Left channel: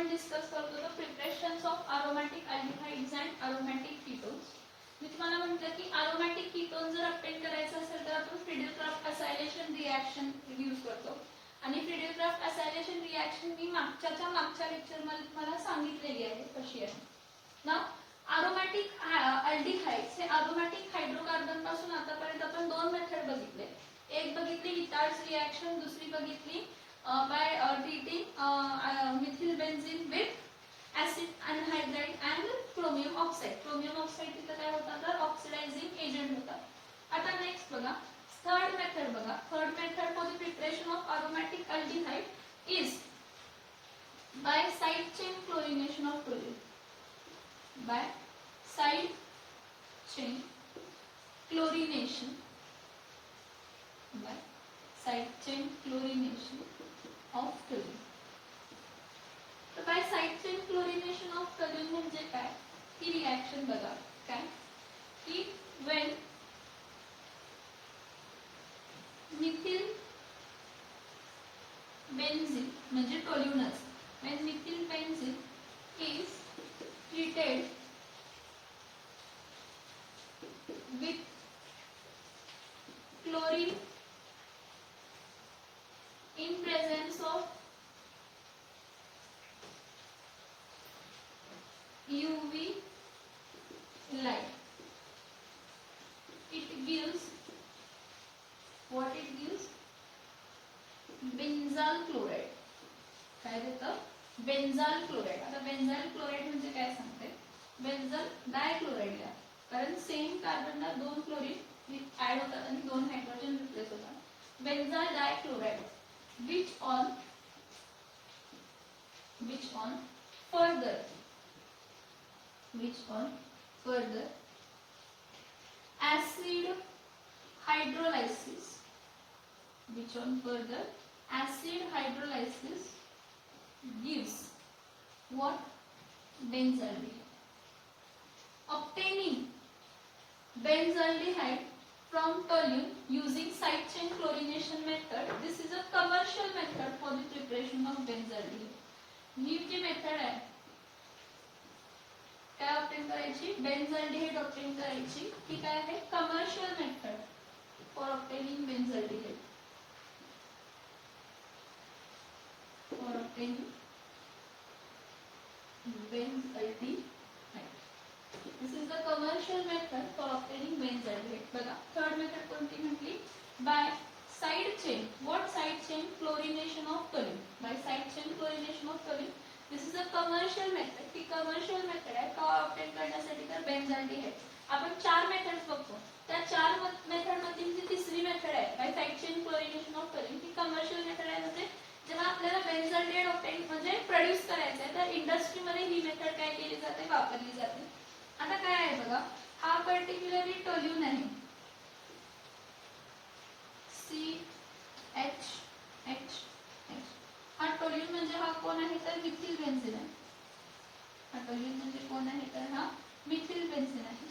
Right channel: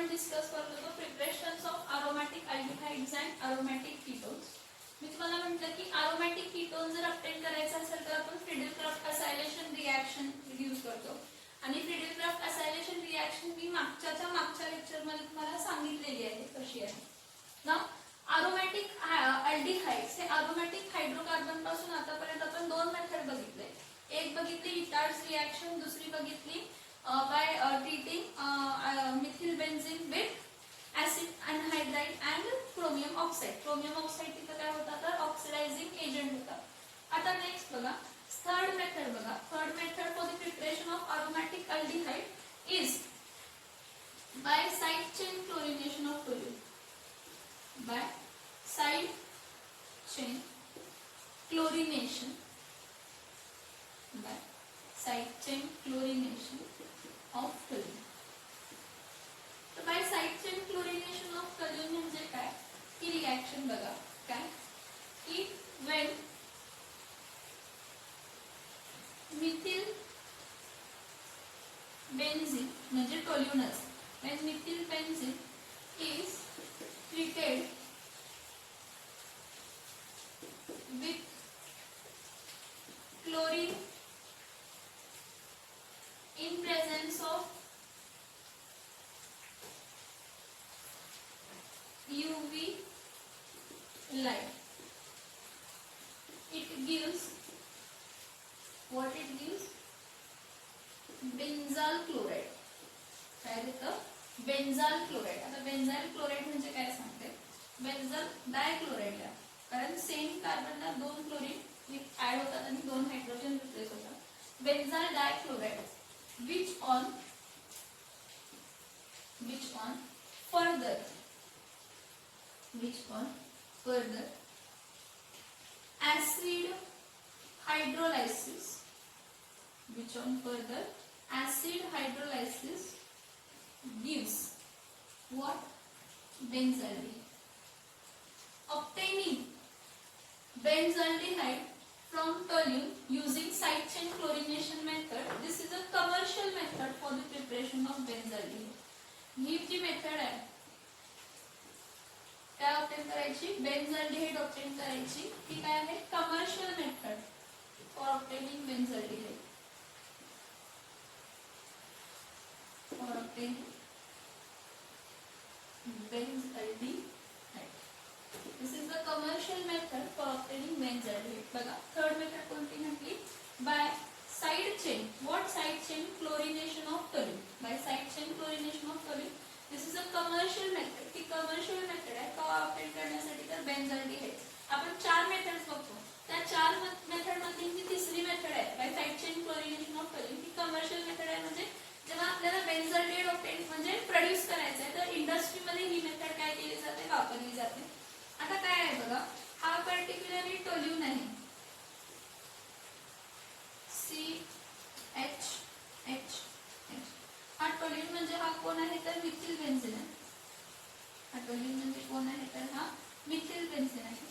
आपण डिस्कस करत होतो preparations of aromatic aldehydes and aromatic ketones. मी तुम्हाला म्हटलं की अरोमॅटिक कीटोन जर ऑब्टेन करायचं असेल तर आपण फ्रिडल-क्राफ्ट असायलेशन रिॲक्शन यूज करतो. आणि फ्रिडल-क्राफ्ट असायलेशन रिॲक्शन मी मागच्या लेक्चरमध्ये तुम्हाला सांगितलेली आहे कशी आहे ना. अरोमॅटिक अल्डिहाइड्स हे अरोमॅटिक हायड्रोकार्बन पासून आतापर्यंत आपण दोन मेथड बघितले. एक बघितली विटार्ड्स रिॲक्शन, दुसरी बघितली by treating methyl benzene with acid anhydride and chromium oxide. Chromium oxide तिथं काय होता तर ऑक्सिडायझिंग एजंट होता. आता नेक्स्ट बघा थर्ड मेथड बघा. Third method for the preparation of aromatic aldehyde is by side chain chlorination of toluene. By side chain chlorination, by side chain chlorination of toluene. तर by side chain chlorination of toluene म्हणजे काय, ही reaction बघा काय की when methyl benzene म्हणजे टोल्यूनच, when methyl benzene is treated with chlorine in presence of UV light, it gives what it gives benzal chloride. काय देतं बेन्झाल chloride. आता बेन्झाल क्लोराइड म्हणजे काय सांगते, बेन्झाल डायक्लोराइड आहे कारण सेम कार्बनला दोन क्लोरीन ऍड होतात आणि दोन हायड्रोजन रिप्लेस होतात. बेन्झाल डायक्लोराइड which on further acid hydrolysis, which on further acid hydrolysis gives what benzaldehyde. Obtaining benzaldehyde from toluene using side chain chlorination method, this is a commercial method for the preparation of benzaldehyde. ही जी method आहे काय obtain करायची, बेन्झाल्डिहाइड obtain करायची, ही काय आहे commercial method for obtaining benzaldehyde. For obtaining benzaldehyde, this is the commercial method for obtaining benzaldehyde. बघा थर्ड मेथड कोणती म्हटली, by side chain. What side chain chlorination of toluene. By side chain chlorination of toluene, this is a commercial method. ती commercial method आहे का obtain करण्यासाठी तर बेन्झाल्डिहाइड. आपण चार मेथड्स बघतो, त्या चार मेथड मधली जी तिसरी मेथड आहे by side chain chlorination of toluene, ती कमर्शियल मेथड आहे. म्हणजे जेव्हा आपल्याला बेन्झाल्डिहाइड ऑब्टेन म्हणजे प्रोड्यूस करायचं आहे तर इंडस्ट्रीमध्ये ही मेथड काय केली जाते, वापरली जाते. आता काय आहे बघा, हा पर्टिक्युलरली टोल्यून आहे CHH. हा टोल्यून म्हणजे हा कोण आहे तर मिथिल बेन्झीन आहे. हा टोल्यून म्हणजे कोण आहे तर हा मिथिल बेन्झीन आहे.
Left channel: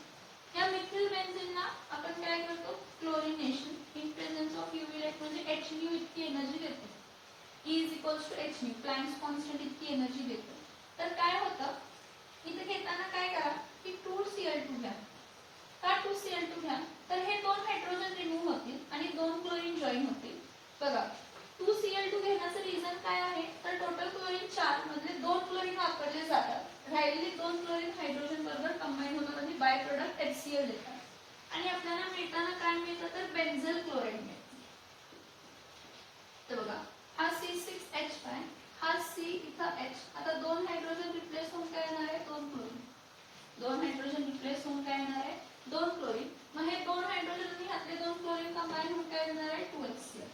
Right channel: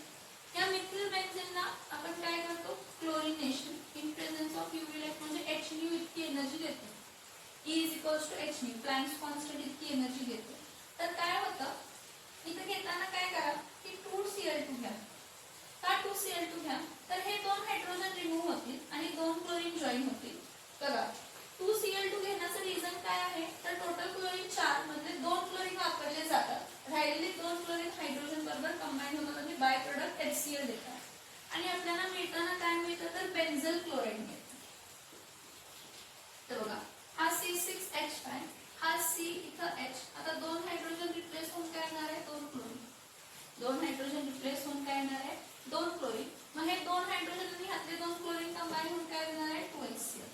या मिथिल बेन्झीनला आपण काय करतो, chlorination in presence of UV light म्हणजे Hν इतकी एनर्जी देतो. E = Hν, प्लँक्स कॉन्स्टंट इतकी एनर्जी देतो. तर काय होतं इथे घेताना काय करा की 2Cl2 घ्या. का 2Cl2 घ्या तर हे दोन हायड्रोजन रिमूव्ह होतील आणि दोन क्लोरीन जॉईन होतील. बघा 2Cl2 घेण्याचं रिझन काय आहे तर टोटल क्लोरीन 4 मधले 2 क्लोरीन वापरले जातात, राहिलेले 2 क्लोरीन हायड्रोजन बरोबर कंबाईन होतात आणि बाय प्रोडक्ट HCl देतात. आणि आपल्याला मिळताना काय मिळतं तर बेन्झल क्लोराइड मिळतं. तर बघा हा C6H5, हा C इथं H. आता दोन हायड्रोजन रिप्लेस होऊन काय येणार आहे, दोन क्लोरीन. दोन हायड्रोजन रिप्लेस होऊन काय येणार आहे, दोन क्लोरीन. मग हे दोन हायड्रोजन आणि ह्यातले दोन क्लोरीन कंबाईन होऊन काय येणार आहे 2HCl.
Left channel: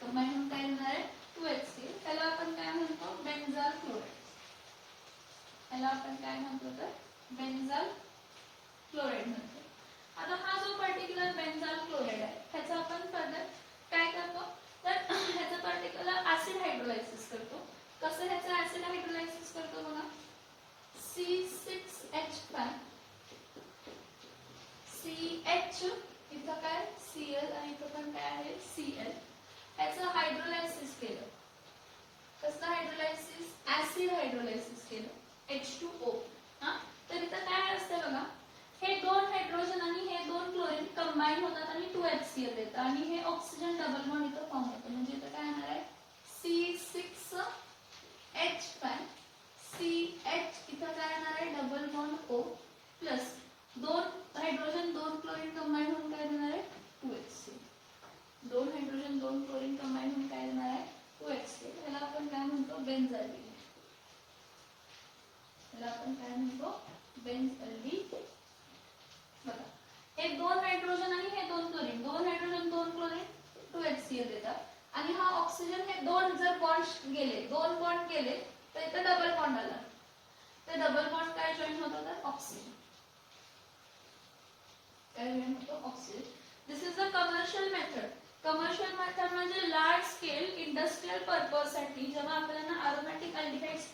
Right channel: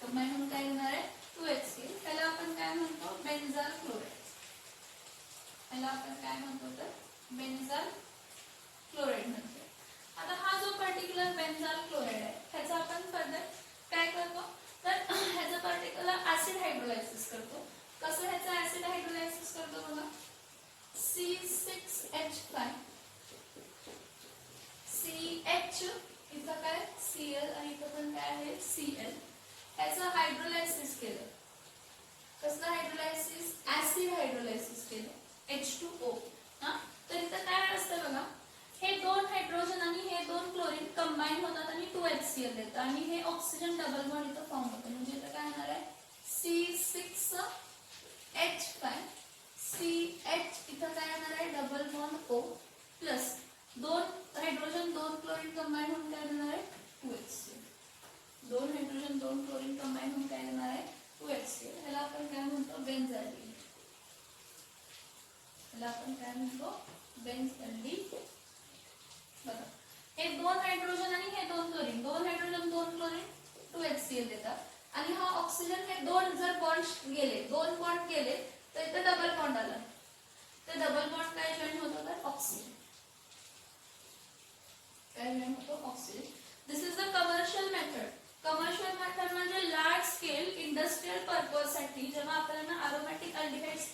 कंबाईन होऊन काय येणार आहे 2HCl. त्याला आपण काय म्हणतो बेन्झाल क्लोराइड. त्याला आपण काय म्हणतो तर बेन्झाल क्लोराइड म्हणतो. आता हा जो पर्टिक्युलर बेन्झाल क्लोराइड आहे त्याचा आपण फर्दर काय करतो तर ह्याचं पर्टिक्युलर ऍसिड हायड्रोलायसिस करतो. कसं ह्याचं ऍसिड हायड्रोलायसिस करतो बघा, C6H5 CH इथं काय Cl आणि इथं पण काय आहे Cl. ह्याचं हायड्रोलायसिस केलं. कसलं हायड्रोलायसिस, 2HCl देतं आणि हे ऑक्सिजन डबल बॉन्ड इथं फॉर्म होतं. म्हणजे इथं काय येणार आहे C6H5 CH इथं काय येणार आहे double bond O plus 2 hydrogen 2 chlorine combine होऊन काय देणार आहे 2HCl. 2 हायड्रोजन 2 क्लोरीन कंबाईन होऊन काय देणार आहे 2HCl. याला आपण काय म्हणतो बेन्झाल्डिहाइड. याला आपण काय म्हणतो बेन्झाल्डिहाइड. बघा हे 2 हायड्रोजन आणि हे 2 क्लोरीन 2 हायड्रोजन 2 क्लोरीन 2HCl देतात आणि हा ऑक्सिजन हे 2 जर बॉन्ड गेले 2 बॉन्ड गेले तर इथं डबल बॉन्ड आला. तर डबल बॉन्ड काय जॉईन होत होता ऑक्सिजन. काय जॉईन होतो oxygen. This is the commercial method. Commercial method म्हणजे लार्ज स्केल इंडस्ट्रियल पर्पज साठी जेव्हा आपल्याला अरोमॅटिक अल्डिहाइड्स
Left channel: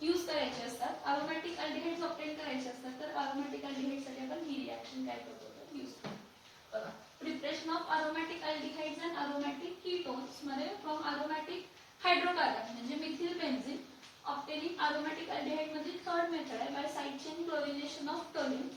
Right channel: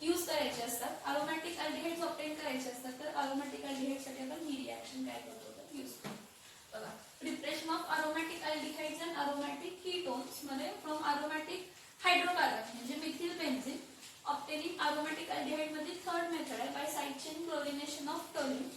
यूज करायचे असतात अरोमॅटिक अल्डिहाइड्स ऑब्टेन करायचे असतात तर अरोमॅटिक अल्डिहाइड साठी आपण ही रिएक्शन काय करतो तर यूज करतो. बघा preparation of aromatic aldehydes and aromatic ketones मध्ये फ्रॉम अरोमॅटिक हायड्रोकार्बन म्हणजे methyl benzene obtaining aromatic aldehyde मध्ये थर्ड मेथड आहे by side chain chlorination of toluene.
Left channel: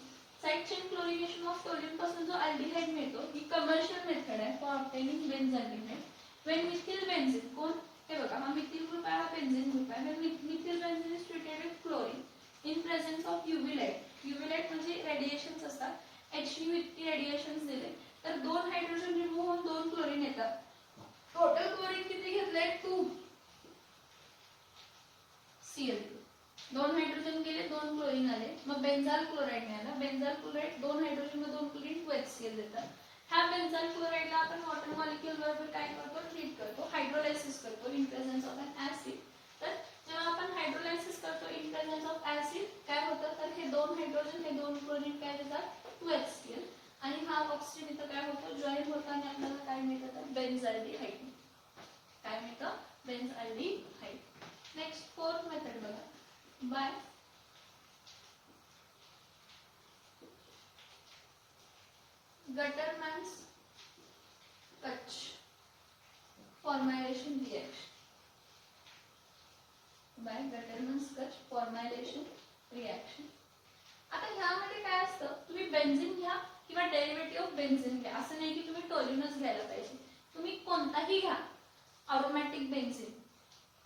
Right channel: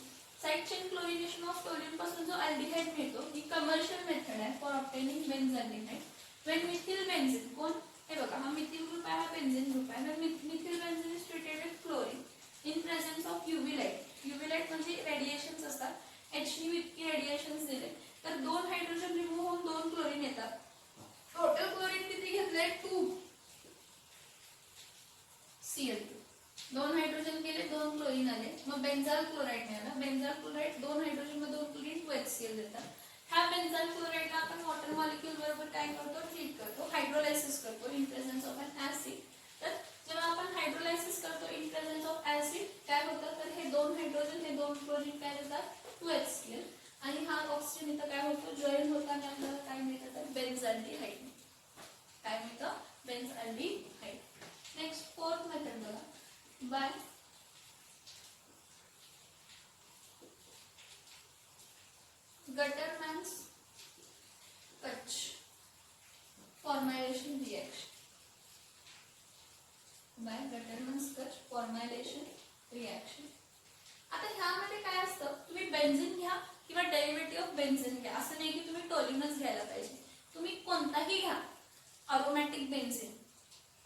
Side chain chlorination of toluene पासून जो अल्डिहाइड मिळतो ही कमर्शियल मेथड आहे for obtaining benzaldehyde. When methyl benzene कोण हे बघा हा मिथिल ग्रुप आहे हा बेन्झीन ग्रुप आहे. When methyl benzene is treated with chlorine in presence of UV light. UV light म्हणजे रेडिएशन्स असतात. HU इतकी रेडिएशन्स दिले तर 2 हायड्रोजन रिमूव्ह होऊन 2 क्लोरीन येतात. टोटल क्लोरीन किती घेतलंय 2Cl2. 2 हायड्रोजन गेले 2 क्लोरीन आले मग बेन्झाल क्लोराइड मिळाला. बेन्झाल क्लोराइड 2 हायड्रोजन मध्ये 2 क्लोरीन 2HCl देतात. ह्या बेन्झाल क्लोराइडला आपण वॉटर मॉलिक्यूल बरोबर काय करतो ट्रीट करतो हायड्रोलायसिस करतो in presence of an acid. तर जेव्हा आपण हायड्रोलायसिस करतो इन प्रेझेन्स ऑफ ऍसिड काय होतं तर हे 2 हायड्रोजन हे 2 क्लोरीन काय देतात 2HCl आणि हा ऑक्सिजन इथं काय होतो जॉईन होताना आपल्याला काय मिळतं तर बेन्झाल्डिहाइड. काय मिळतं बेन्झाल्डिहाइड. नेक्स्ट फोर्थ मेथड बघा by Gattermann's Koch formylation reaction. Bye Gattermann's Koch formylation reaction. आता ह्यामध्ये काय असतं तुम्ही बेन्झीन घ्या किंवा डेरिव्हेटिव्ह ऑफ बेन्झीन घ्या असं नाही की तुम्ही टोल्यूनच घ्यायला पाहिजे. तुम्ही कोणताही घ्या अरोमॅटिक बेन्झीन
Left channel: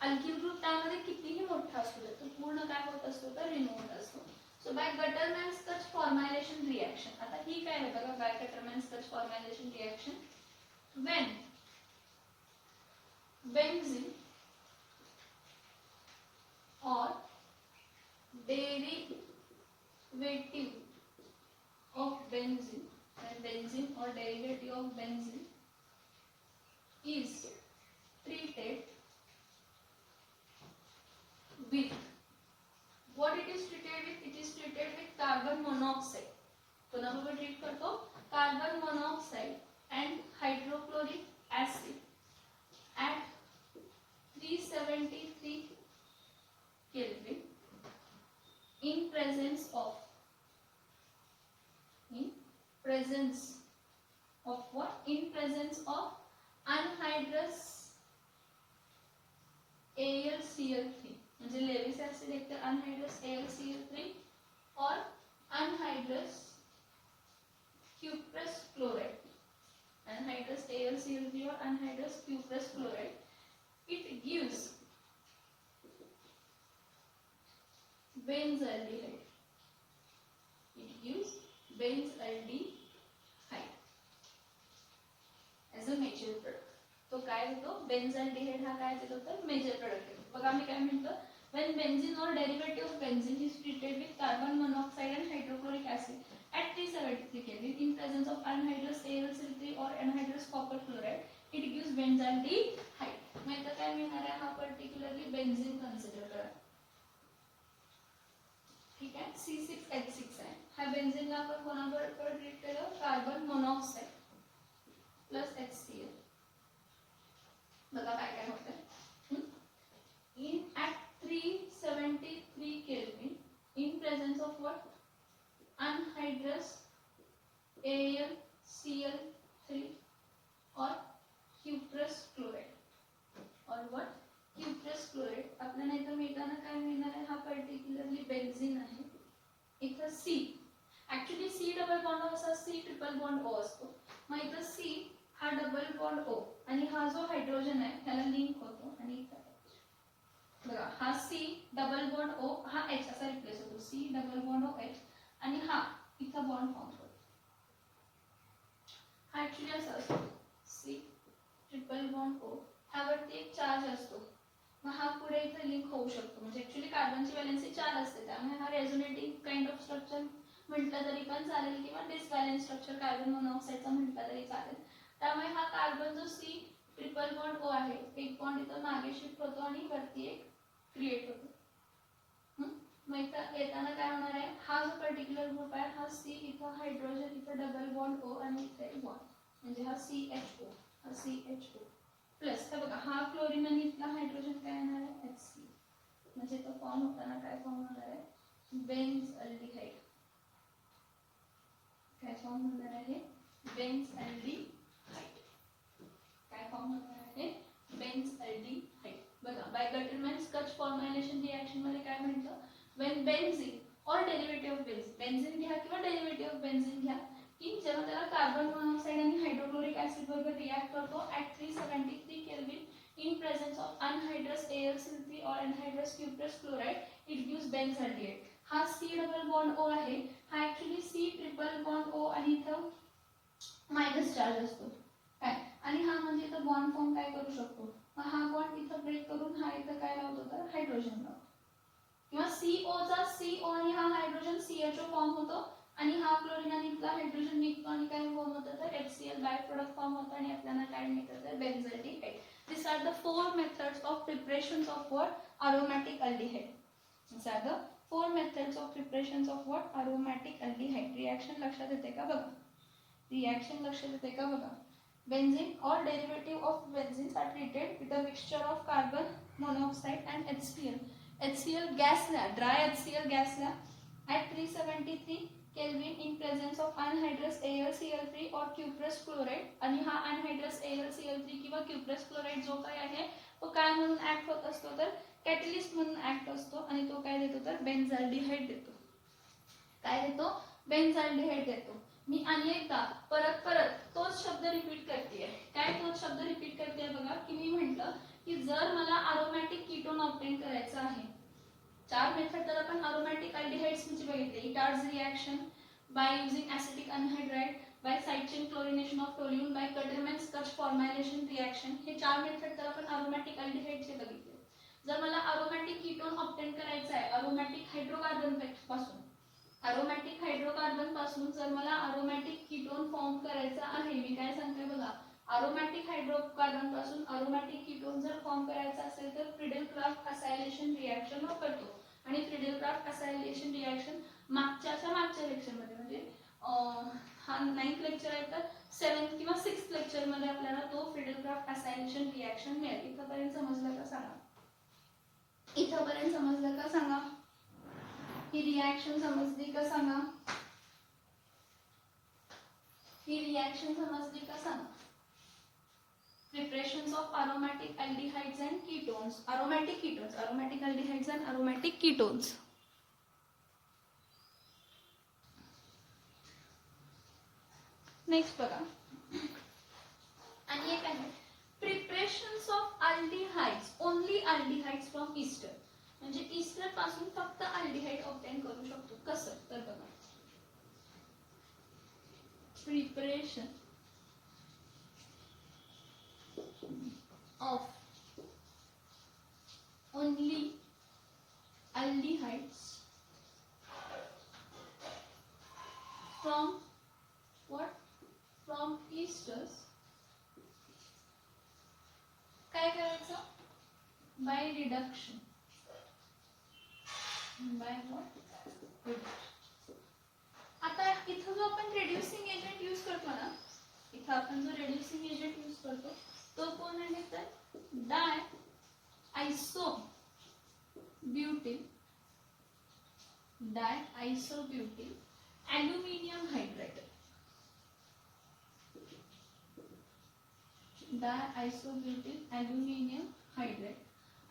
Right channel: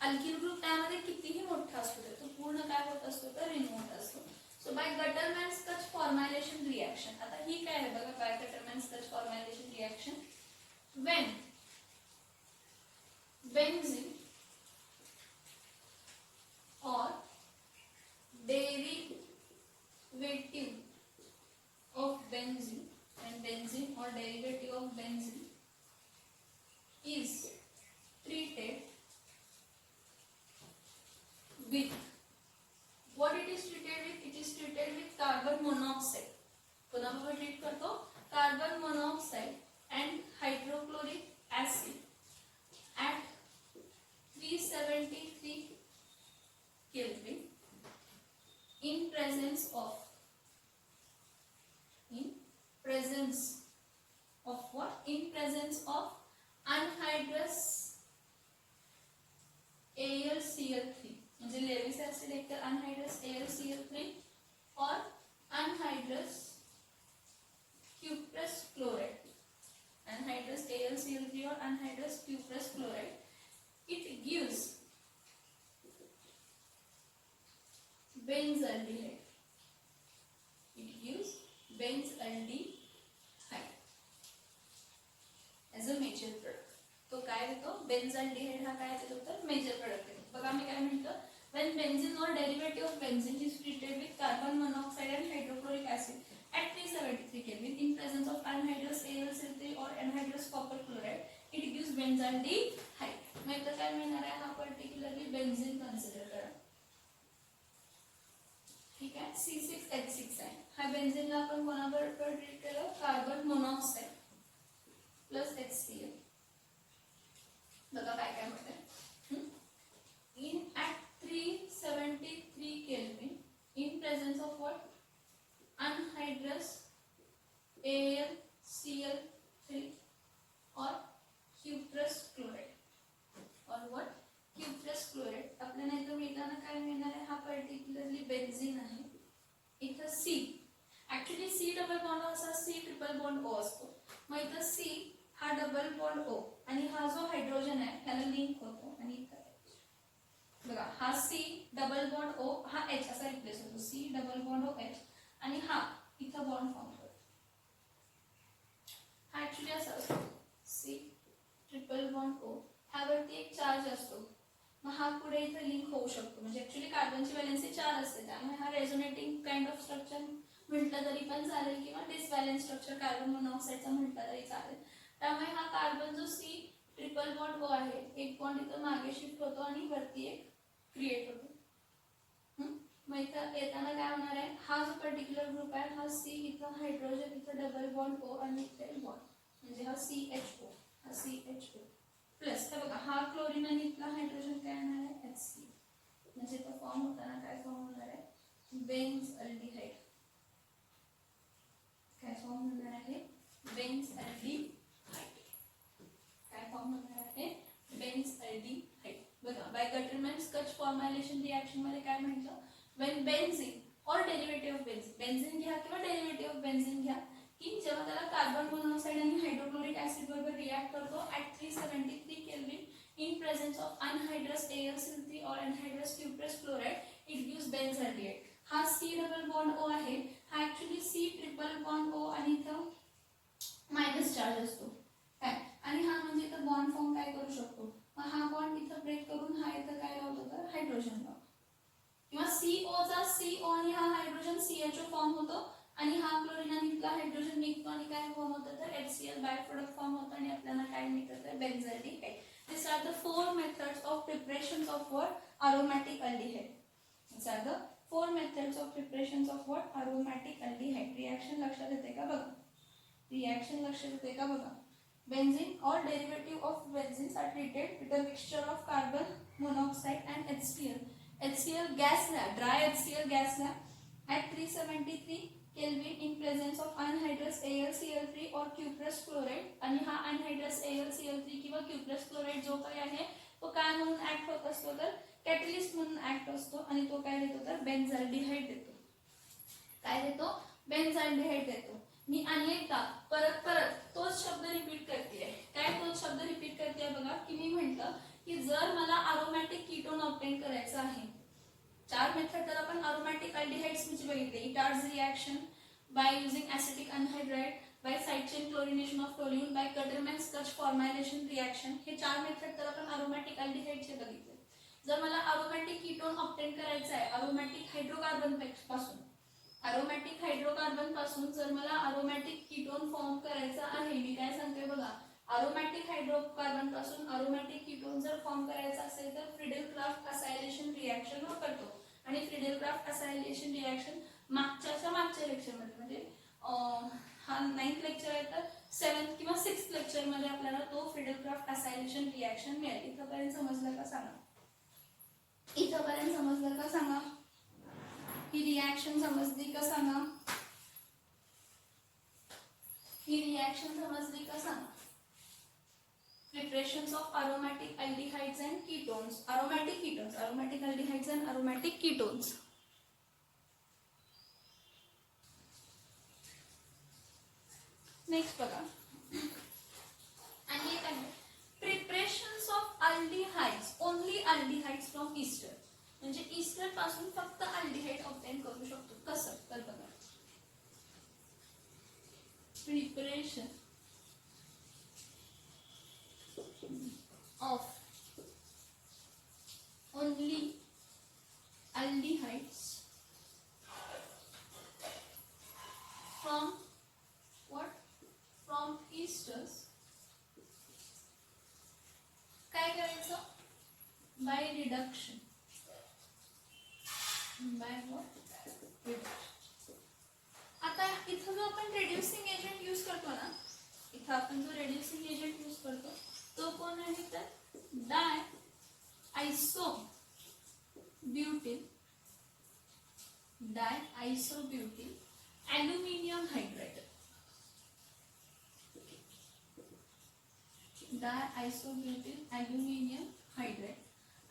अल्किल ग्रुप त्यामध्ये कितीही मोठा असतो तो पूर्ण काय होत असतो तर रिमूव्ह असतो. So bye Gattermann's Koch formylation reaction. आता ही काय आहे बघा by Gattermann's Koch formylation reaction when benzene or derivative of benzene and benzene or derivative of benzene is treated with what it is treated with. It is treated with carbon monoxide. कोणाबरोबर treat करतो carbon monoxide and hydrochloric acid at 373 Kelvin in presence of what? In presence of anhydrous AlCl3 म्हणजे Lewis acid एक तर anhydrous AlCl3 or anhydrous cuprous chloride. Anhydrous AlCl3 or anhydrous cuprous chloride. It gives बेन्झाल्डिहाइड. It gives बेन्झाल्डिहाइड as a major product. तो काय देतो बेन्झाल्डिहाइड हा काय देतो तर मेजर प्रोडक्ट देतो. बघा मी काय म्हणतो when benzene or derivative of benzene is treated with carbon monoxide and hydrochloric acid at 373 Kelvin in presence of anhydrous AlCl3 or anhydrous copper chloride it gives बेन्झाल्डिहाइड. मग इथं काय मिळणार आहे हा पर्टिक्युलरली बेन्झीन कन्सिडर करा. ठीक आहे C6H6 आहे. हा बेन्झीनला आपण कोणाबरोबर ट्रीट केलं कार्बन मोनॉक्साइड प्लस HCl. बघा काय काय होतंय in at 373 Kelvin in presence of what anhydrous AlCl3 or cuprous chloride or what cuprous chloride. आपल्याला इथं मिळताना काय मिळणार आहे हा पर्टिक्युलरली बेन्झीन आहे. इथं C actually C double bond असा C ट्रिपल बॉन्ड O असतो. मग इथं C हा डबल बॉन्ड O आणि हा जो हायड्रोजन आहे ह्याला लिंक होतो आणि बघा हा C डबल बॉन्ड O हा H असा रिप्लेस होतो, C double bond O H आणि हा इथं बॉन्ड फॉर्म करतो. हा ऍक्च्युली असा असतो C ट्रिपल बॉन्ड O, ह्यावरती एक चार्ज असतो, मग हा पुढे इथे लिंक होऊ शकतो. म्हणजे ऍक्च्युली कार्बनची व्हॅलेन्सी 4 असते, त्यामुळे हा रेझोनेटिंग काइंड ऑफ स्ट्रक्चर म्हटलं तरी पण चालेल किंवा डिसबॅलन्स स्ट्रक्चर कार्बन मोनॉक्साईडचा म्हटलं तरी चालेल. त्यामुळे हा कार्बन जो C ट्रिपल बॉन्ड O आहे, एक बॉन्ड इथं मागे शिफ्ट होतो आणि वरती एक क्रिएट होतो. मग इथं येताना काय होणार आहे, हा जो पर्टिक्युलर ग्रुप आहे हा C इथं हायड्रोजन इथं डबल बॉन्ड O आणि इथे बॉन्ड म्हणजे हा CHO, हा CHO प्लस तर बघा हा क्लोरीन आणि इथला हायड्रोजन काय येणार आहे HC, म्हणजे तो फॉर्म होताना काय फॉर्म होणार आहे बेन्झ अल्डिहाइड. काय फॉर्म होणार आहे बेन्झ अल्डिहाइड. काय फॉर्म होणार आहे बेन्झ अल्डिहाइड. बघा बाय गटरमॅन-स्कच फॉर्म्युलेशन रिएक्शन मध्ये काय म्हटलं, when benzene or derivative of benzene, benzene घ्या किंवा डेरिव्हेटिव्ह ऑफ बेन्झीन घ्या, की जेव्हा त्याला कार्बन मोनॉक्साइड आणि हायड्रोक्लोरिक ऍसिड बरोबर रिएक्ट करतो at 373 kelvin in presence of anhydrous AlCl3 or anhydrous cuprous chloride, it gives benzaldehyde. हा C डबल बॉन्ड O आहे, हा actually C triple bond O आणि इथं मायनस चार्ज असतो काय, आणि हा म्हणजे इथं बॉन्ड फॉर्म काय करू शकतो, मग हा बॉन्ड इथं ब्रेक करून हा इथं काय लावतो तर हायड्रोजन लावतो, किंवा CO चा CO आणि हा हायड्रोजन CHO फॉर्म होतो आणि हा क्लोरीन आणि इथला हायड्रोजन निघतो आणि काय फॉर्म होतं तर HCl बाय प्रोडक्ट फॉर्म होतो आणि आपल्याला काय मिळतं तर बेन्झाल्डिहाइड. These are the 4 methods of preparations of what aromatic aldehyde. These are the 4 methods of preparations of what aromatic aldehyde. Reaction लक्षात येते का बघा, reaction लक्षात येते का बघा. Benzene or derivative of benzene are treated with a mixture of carbon monoxide and HCl. HCl gas ला, dry HCl gas ला at 373 Kelvin in presence of anhydrous AlCl3 or cuprous chloride, आणि हा anhydrous AlCl3 किंवा cuprous chloride जो काय आहे तो काय म्हणून ऍक्ट होत असतो तर कॅटलिस्ट म्हणून ऍक्ट असतो आणि तो काय देतो तर बेन्झाल्डिहाइड देतो. काय देतो बेन्झाल्डिहाइड देतो. मी आणि एकदा परत तोच शब्द रिपीट करते, काय तोच शब्द रिपीट करते बघा, की मी म्हटलं की जर मला अरोमॅटिक कीटोन ऑब्टेन करायचं आहे, 4 मेथड तर आपण अरोमॅटिक अल्डिहाइड्स मध्ये बघितले, Etard's reaction by using acetic anhydride, by side chain chlorination of toluene, by Gattermann Koch formulation reaction, हे 4 मेथड तर आपण अरोमॅटिक अल्डिहाइडचे बघितले. जर मला अरोमॅटिक कीटोन ऑब्टेन करायचा आहे अरोमॅटिक हायड्रोकार्बन पासून, अरोमॅटिक हायड्रोकार्बन पासून जर मला अरोमॅटिक कीटोन फॉर्म करायचा आहे, मी काय सांगते बघा, अरोमॅटिक हायड्रोकार्बन पासून अरोमॅटिक कीटोन जर फॉर्म करायचा असेल तर फ्रिडेल-क्राफ्ट असायलेशन रिएक्शन वापरतो. आणि फ्रिडेल-क्राफ्ट असायलेशन रिएक्शन मागच्या लेक्चर मध्ये म्हणजे हा 9th लेक्चर आहे तर 7th किंवा 6th लेक्चर मध्ये आपल्याला तो फ्रिडेल-क्राफ्ट असायलेशन रिएक्शन मिळेल. इथपर्यंत समजलं का सांगा, इथपर्यंत समजलं का सांगा, ही रिएक्शन समजली का सांगा, ही रिएक्शन समजली का सांगा. Preparations of aromatic aldehydes and ketones, aromatic ketones, aromatic aldehydes and aromatic ketones. Next बघा, आणि एक आहे preparations of aldehydes, only aldehydes from Easter, म्हणजे ईस्टर पासून फक्त अल्डिहाइड ऑब्टेन करू शकतो. कसं तर बघा, preparation of only aldehydes from what, from esters, काय करायचं बाय रिडक्शन, बाय रिडक्शन. आता इथं जो आपण रेड्युसिंग एजंट यूज करतो ना, इथं आपण जो रेड्युसिंग एजंट यूज करतो तो कोण आहे तर डाय आयसोब्युटिल, डाय आयसोब्युटिल ॲल्युमिनियम हायड्राइड, डाय आयसोब्युटिल ॲल्युमिनियम हायड्राइड.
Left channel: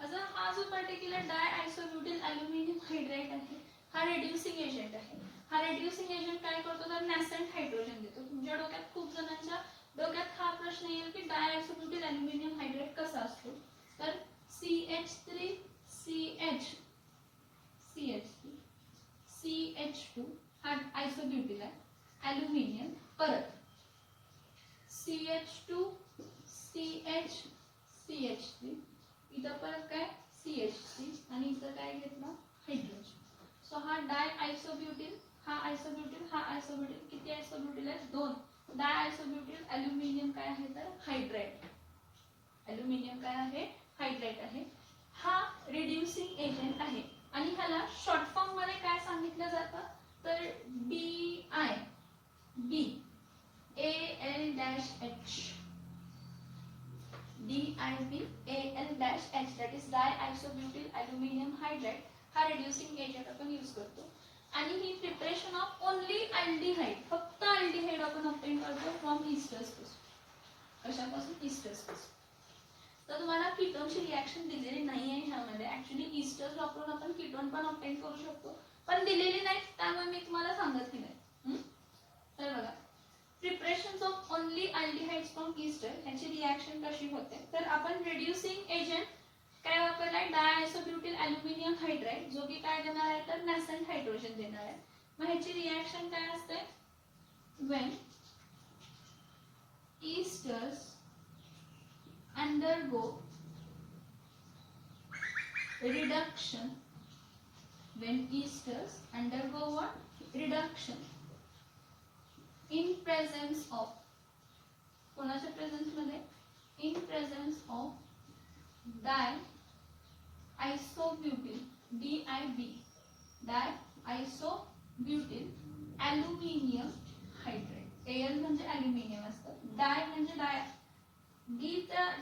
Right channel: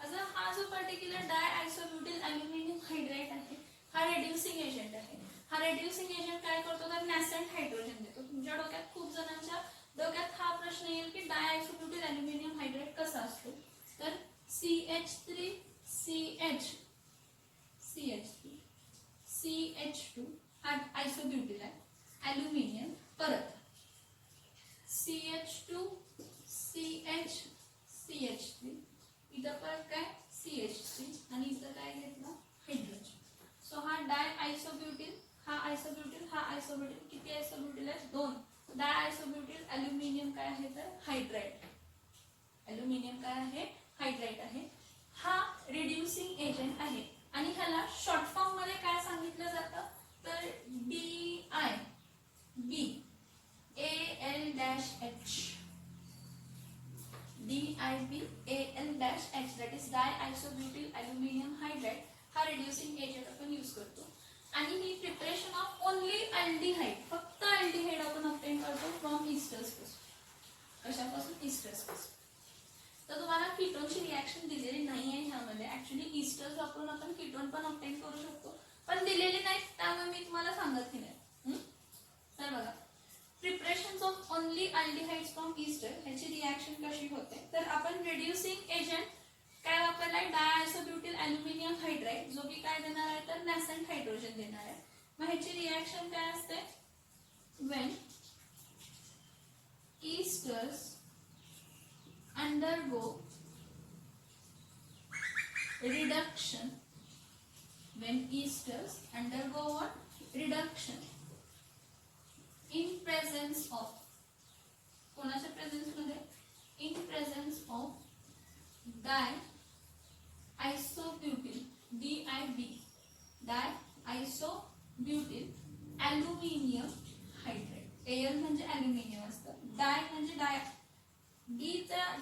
आता हा जो पर्टिक्युलर डाय आयसोब्युटिल ॲल्युमिनियम हायड्राइड आहे हा रेड्युसिंग एजंट आहे. हा रेड्युसिंग एजंट काय करतो तर नॅसंट हायड्रोजन देतो. तुमच्या डोक्यात खूप जणांच्या डोक्यात हा प्रश्न येईल की डायआयसोब्युटिल अल्युमिनियम हायड्रेट कसा असतो. तर CH3 CH CH3 CH2 हा आयसोब्युटिल आहे. अल्युमिनियम परत CH2 CH CH3 इथं परत काय CH3 आणि इथं काय घेतलं हायड्रोजन. सो हा डायआयसोब्युटिल हा आयसोब्युटिल किती आयसोब्युटिल आहे 2. डायआयसोब्युटिल अल्युमिनियम काय आहे तर हायड्राइड. अल्युमिनियम काय आहे हायड्राइड आहे. हा रिड्युसिंग एजंट आहे आणि ह्याला शॉर्ट फॉर्म मध्ये काय सांगितलं जातं तर DIB AL-H DIB AL-H that is diisobutyl aluminum hydride हा रिड्युसिंग एजंट आपण यूज करतो. आणि ही प्रिपरेशन ऑफ ओनली अल्डिहाइड फक्त अल्डिहाइड आपण ऑब्टेन करतो फ्रॉम इस्टर्स पासून. कशापासून इस्टर्स पासून. तर तुम्हाला कीटोनची रिॲक्शन दिलेली नाही आहे ह्यामध्ये. ऍक्च्युली इस्टर्स वापरून आपण कीटोन पण ऑब्टेन करू शकतो पण दिलेली नाही त्यामुळे मी तुम्हाला सांगत नाही. तर बघा preparation of only aldehydes from ester ह्याची रिॲक्शन कशी होते तर आपण रिड्युसिंग एजंट काय वापरलाय डायआयसोब्युटिल अल्युमिनियम हायड्राइड जो की काय देणार आहे तर नॅसेंट हायड्रोजन देणार आहे. मग ह्याची रिॲक्शन काय असते when esters undergo reduction what reduction in presence of कोणाच्या प्रेझेन्स मध्ये in presence of diisobutyl DIB diisobutyl aluminium hydrate. Al म्हणजे अल्युमिनियम असतं. डाय म्हणजे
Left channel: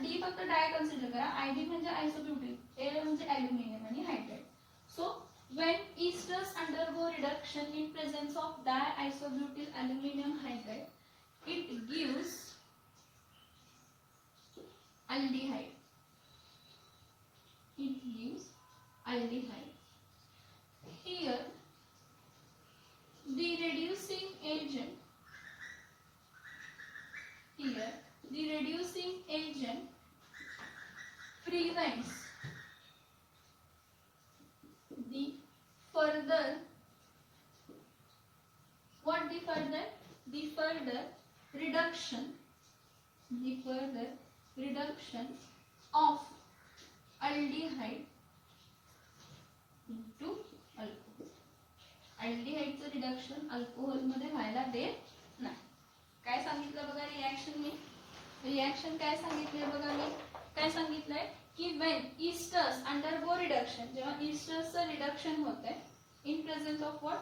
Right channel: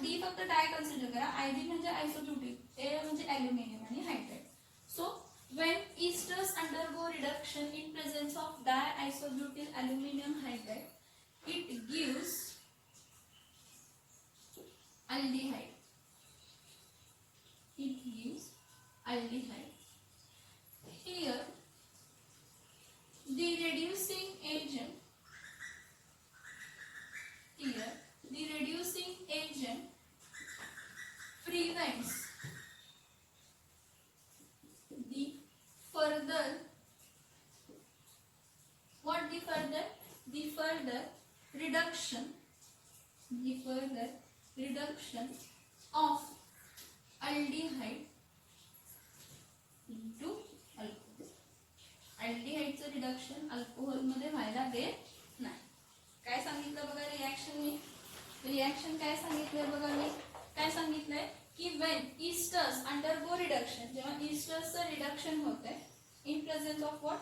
डी फक्त डाय कन्सिडर करा. IB म्हणजे आयसोब्युटिल. Al म्हणजे अल्युमिनियम आणि hydrate. So when esters undergo reduction in presence of diisobutyl aluminum hydride it gives aldehyde. Here the reducing agent prevents the further reduction of aldehyde into alcohol. अल्डिहाइडचं reduction alcohol मध्ये व्हायला देत नाही. काय सांगितलं बघा रिॲक्शन काय सांगितलंय बघा मी काय सांगितलंय की when esters undergo reduction जेव्हा इस्टर्सचं रिडक्शन होतंय in presence of what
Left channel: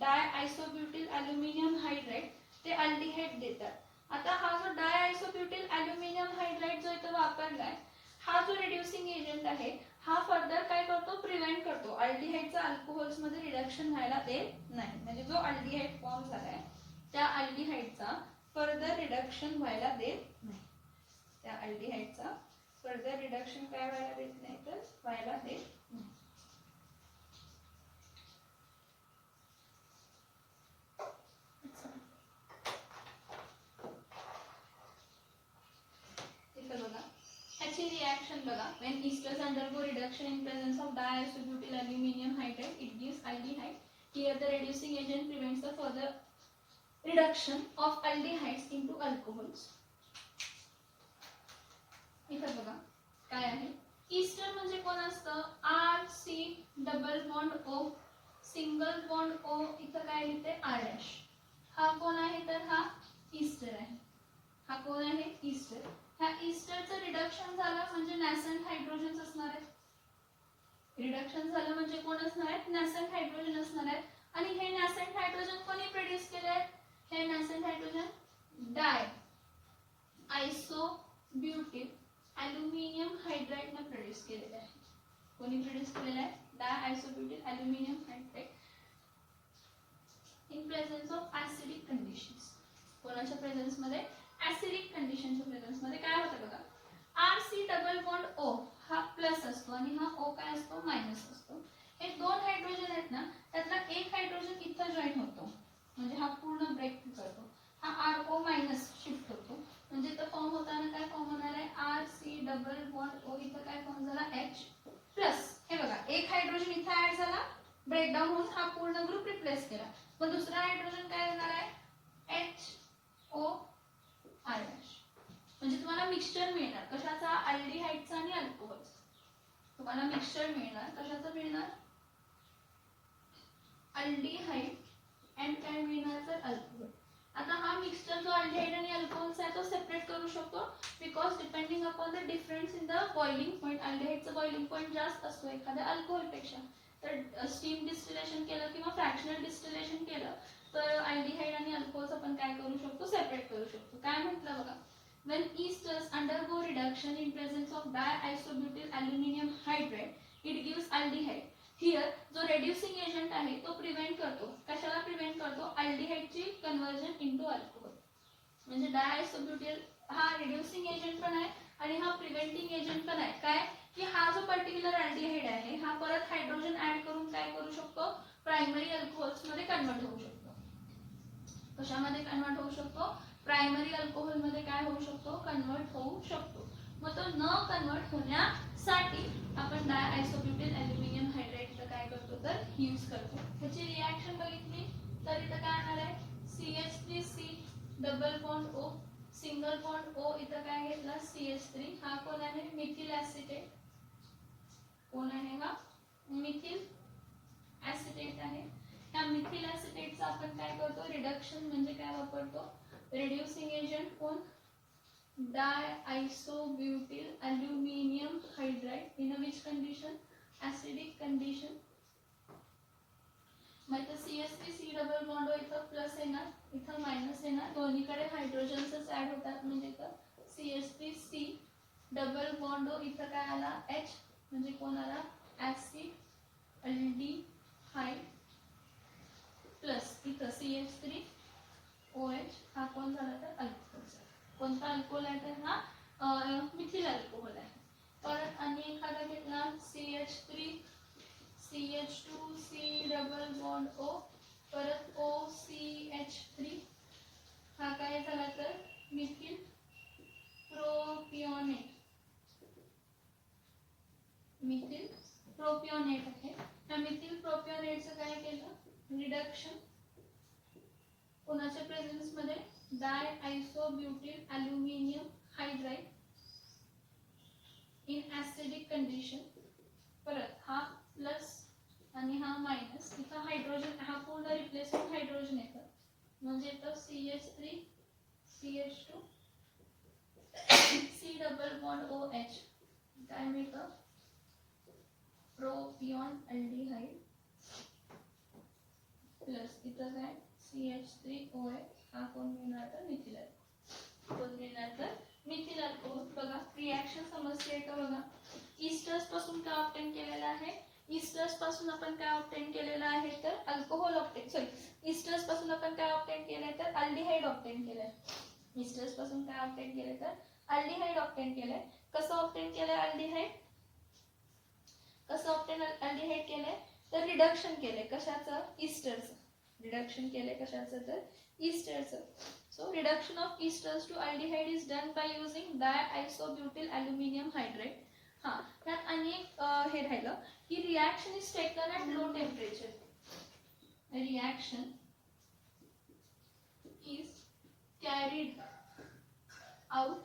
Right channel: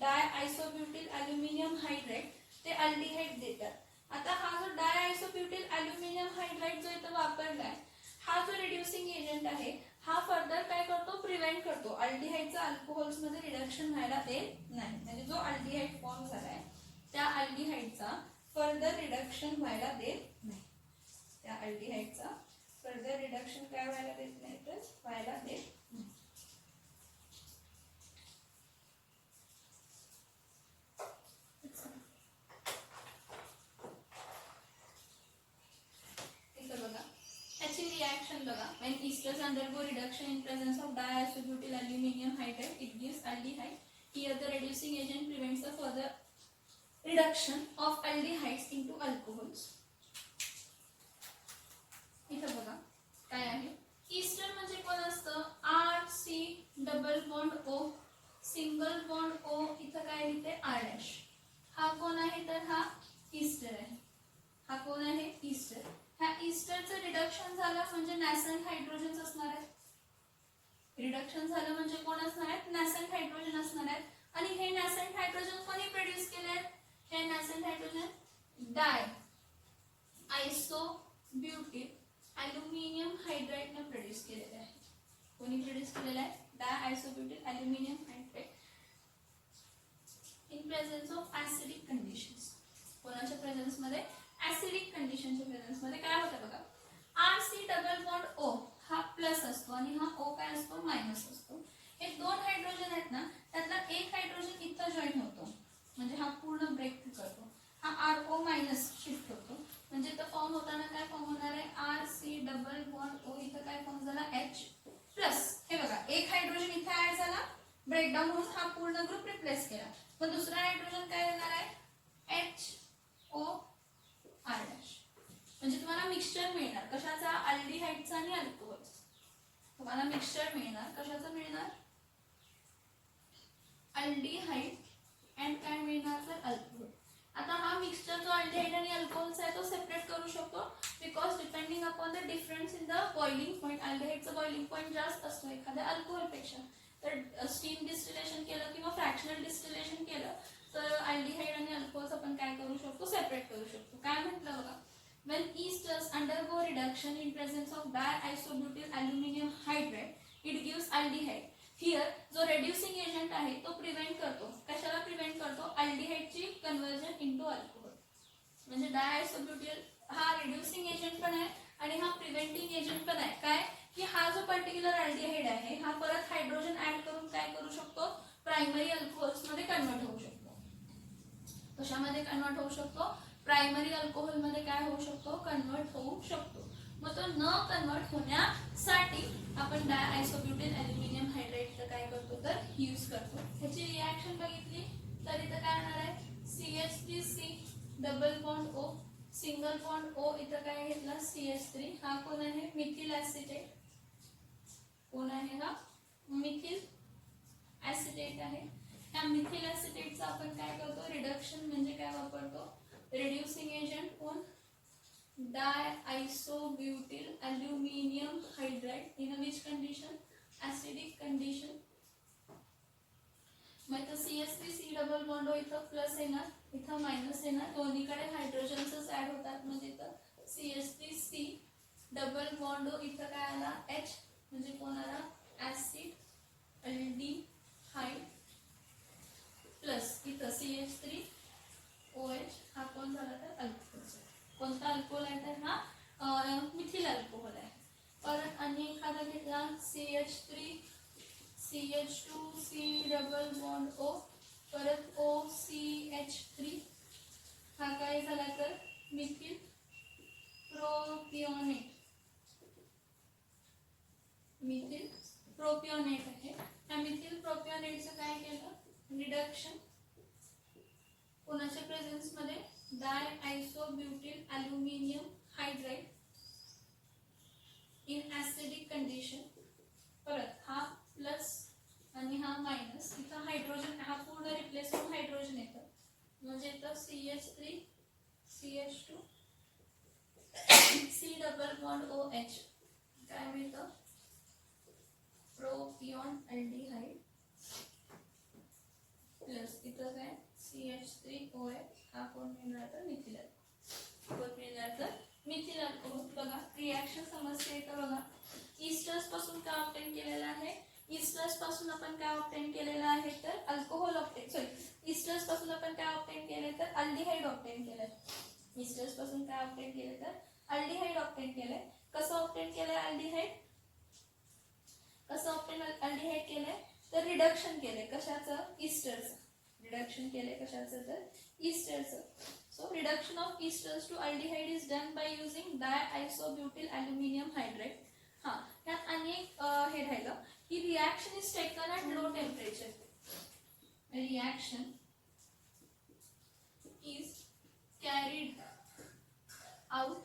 diisobutyl aluminium hydride ते अल्डिहाइड देतात. आता हा जो डायआयसोब्युटिल अल्युमिनियम हायड्राइड जो इथं वापरलाय हा जो रिड्युसिंग एजंट आहे हा फर्दर काय करतो प्रिव्हेंट करतो अल्डिहाइडचं अल्कोहोल्स मध्ये रिडक्शन व्हायला देत नाही. म्हणजे जो अल्डिहाइड फॉर्म झालाय त्या अल्डिहाइडचा फर्दर रिडक्शन व्हायला देत नाही. त्या अल्डिहाइडचा फर्दर रिडक्शन काय व्हायला देत नाही तर व्हायला देत नाही. Reaction बघा when esters undergo reduction in presence of diisobutyl aluminum hydride it gives aldehyde. Here the reducing agent prevents the further reduction of aldehydes into alcohols. इथं बघा काय आहे ईस्टर म्हणजे कोण असतं RC double bond O single bond O इथं काय लिहिते R'. हा कोण आहे तर हा ईस्टर आहे. हा कोण आहे ईस्टर. ह्या ईस्टरचं रिडक्शन झालं म्हणजे नॅसेंट हायड्रोजन असणार आहे. रिडक्शन झालं म्हणजे कोण असणार आहेत नॅसेंट हायड्रोजन असणार आहेत. आणि हे नॅसेंट हायड्रोजन कोणी प्रोड्यूस केले आहेत हे nascent hydrogen di isobutyl aluminium hydride ने प्रोड्यूस केलेले आहे. कोणी प्रोड्यूस केलेलं आहे di isobutyl aluminium hydride in presence of acidic conditions. कोणाच्या प्रेझेन्स मध्ये ऍसिडिक कंडिशनच्या प्रेझेन्स मध्ये काय होतं बघा RC डबल बॉन्ड O हा प्लस असतो आणि हा O काय असतो मायनस असतो. हे दोन हायड्रोजन आहेत ना त्यातला एक हायड्रोजन इथं जॉईन होतो म्हणजे हा पूर्ण ब्रेक करतो. हा RO मायनस शिफ्ट होतो बॉन्ड ओ, इथं काय फॉर्म झाला H प्लस. हे बघा एक हायड्रोजन इथं ऍड झाला, ब्रेकडाऊन होऊन हा पूर्ण ग्रुप रिप्लेस केला. पण दुसरा हायड्रोजन काय देणार आहे HOR डॅश. म्हणजे तुम्हाला मिक्सचर मिळणार कशाचा, अल्डिहाइडचा आणि अल्कोहोलचा. तुम्हाला मिक्सचर मिळणार कशाचं मिळणार, अल्डिहाइड अँड काय मिळणार तर अल्कोहोल. आता हा मिक्सचर जो अल्डिहाइड आणि अल्कोहोलचा आहे तो सेपरेट करू शकतो because depending upon the difference in the boiling point. अल्डिहाइडचा बॉइलिंग पॉईंट जास्त असतो एखाद्या अल्कोहोलपेक्षा. तर स्टीम डिस्टिलेशन केलं किंवा फ्रॅक्शनल डिस्टिलेशन केलं तर अल्डिहाइड आणि अल्कोहोल्स आपण काय करू शकतो, सेपरेट करू शकतो. काय म्हटलं बघा, when esters undergo reduction in presence of diisobutyl aluminum hydride, it gives aldehyde. Here जो reducing agent आहे तो प्रिव्हेंट करतो, कशाला प्रिव्हेंट करतो, अल्डिहाइडची कन्वर्जन इनटू अल्कोहोल. म्हणजे डायआयसोब्युटाइल हा रिड्युसिंग एजंट पण आहे आणि हा प्रिव्हेंटिंग एजंट पण आहे. काय की हा जो पर्टिक्युलर अल्डिहाइड आहे हा परत हायड्रोजन ऍड करून काय करू शकतो, प्रायमरी अल्कोहोल्स मध्ये कन्वर्ट होऊ शकतो. कशामध्ये कन्वर्ट होऊ शकतो, प्रायमरी अल्कोहोल मध्ये काय होऊ शकतो, कन्वर्ट होऊ शकतो. मग तो न कन्वर्ट होण्यासाठी आपण डायआयसोब्युटाइल अल्युमिनियम हायड्राइडचं काय करतो तर यूज करतो. ह्याची रिॲक्शन बघितली तर इथं काय येणार आहे, CH3C double bond O, single bond O, इथं काय घेतला CH3. हा कोण आहे, मिथिल ऍसिटेट. कोण आहे हा, मिथिल ऍसिटेट आहे. या मिथिल ऍसिटेटचं आपण काय करतो, रिडक्शन म्हणजे काय वापरतो, रिड्युसिंग एजंट कोण, diisobutyl aluminium hydride in which condition, acidic condition. मग इथं CH3C डबल बॉन्ड O इथं प्लस येणार, इथं मायनस येणार, दोन्हीकडे हायड्रोजन्सच ऍड होतात. म्हणजे इथं CH3C डबल बॉन्ड O इथं काय आला H, म्हणजे कोण आला ऍसिड अल्डिहाइड प्लस इथं CH3OH हा कोण झाला तर अल्कोहोल. कोणता अल्कोहोल आहे तर हा मिथिल अल्कोहोल आहे. परत आणि एखादा घेतला CH3 CH2C double bond O, परत OCH3 हा काय झाला तर मिथिल प्रोपिओनेट. मिथिल प्रोपिओनेट आहे. हा मिथिल प्रोपिओनेटचं काय केलं, रिडक्शन कोणाच्या प्रेझेन्स मध्ये, diisobutyl aluminium hydride in acidic condition. परत हा प्लस आणि हा मायनस, इथं हायड्रोजन हा पूर्ण रिप्लेस होऊन हायड्रोजन येतं. म्हणजे इथं CH3 CH2 C double bond OH काय मिळतं, प्रोपिऑन अल्डिहाइड प्लस इथं काय CH3OH हा कोण मिळणार तर मिथिल अल्कोहोल. कोण मिळणार तर मिथिल अल्कोहोल. बघा रिॲक्शन समजते का, बघा इस्टर्स पासून काय ऑब्टेन केलेलं आहे, इस्टर्स पासून आपण काय ऑब्टेन केलेलं आहे तर अल्कोहोल ऑब्टेन, सॉरी इस्टर्स पासून आपण काय ऑब्टेन केलंय तर अल्डिहाइड ऑब्टेन केलंय. इस्टर्स पासून काय ऑब्टेन केलंय तर अल्डिहाइड ऑब्टेन केलंय. कसं ऑब्टेन केलंय अल्डिहाइड, कसं ऑब्टेन अल्डिहाइड केलंय तर रिडक्शन केलंय कशाचं, इस्टरचं. रिडक्शन केलंय कशाचं तर इस्टरचं. So reduction of esters to aldehyde is done by using diisobutyl aluminium hydride. हा त्यात अनेक हे राहिलं की reaction is taken at low temperature. Reaction is carried out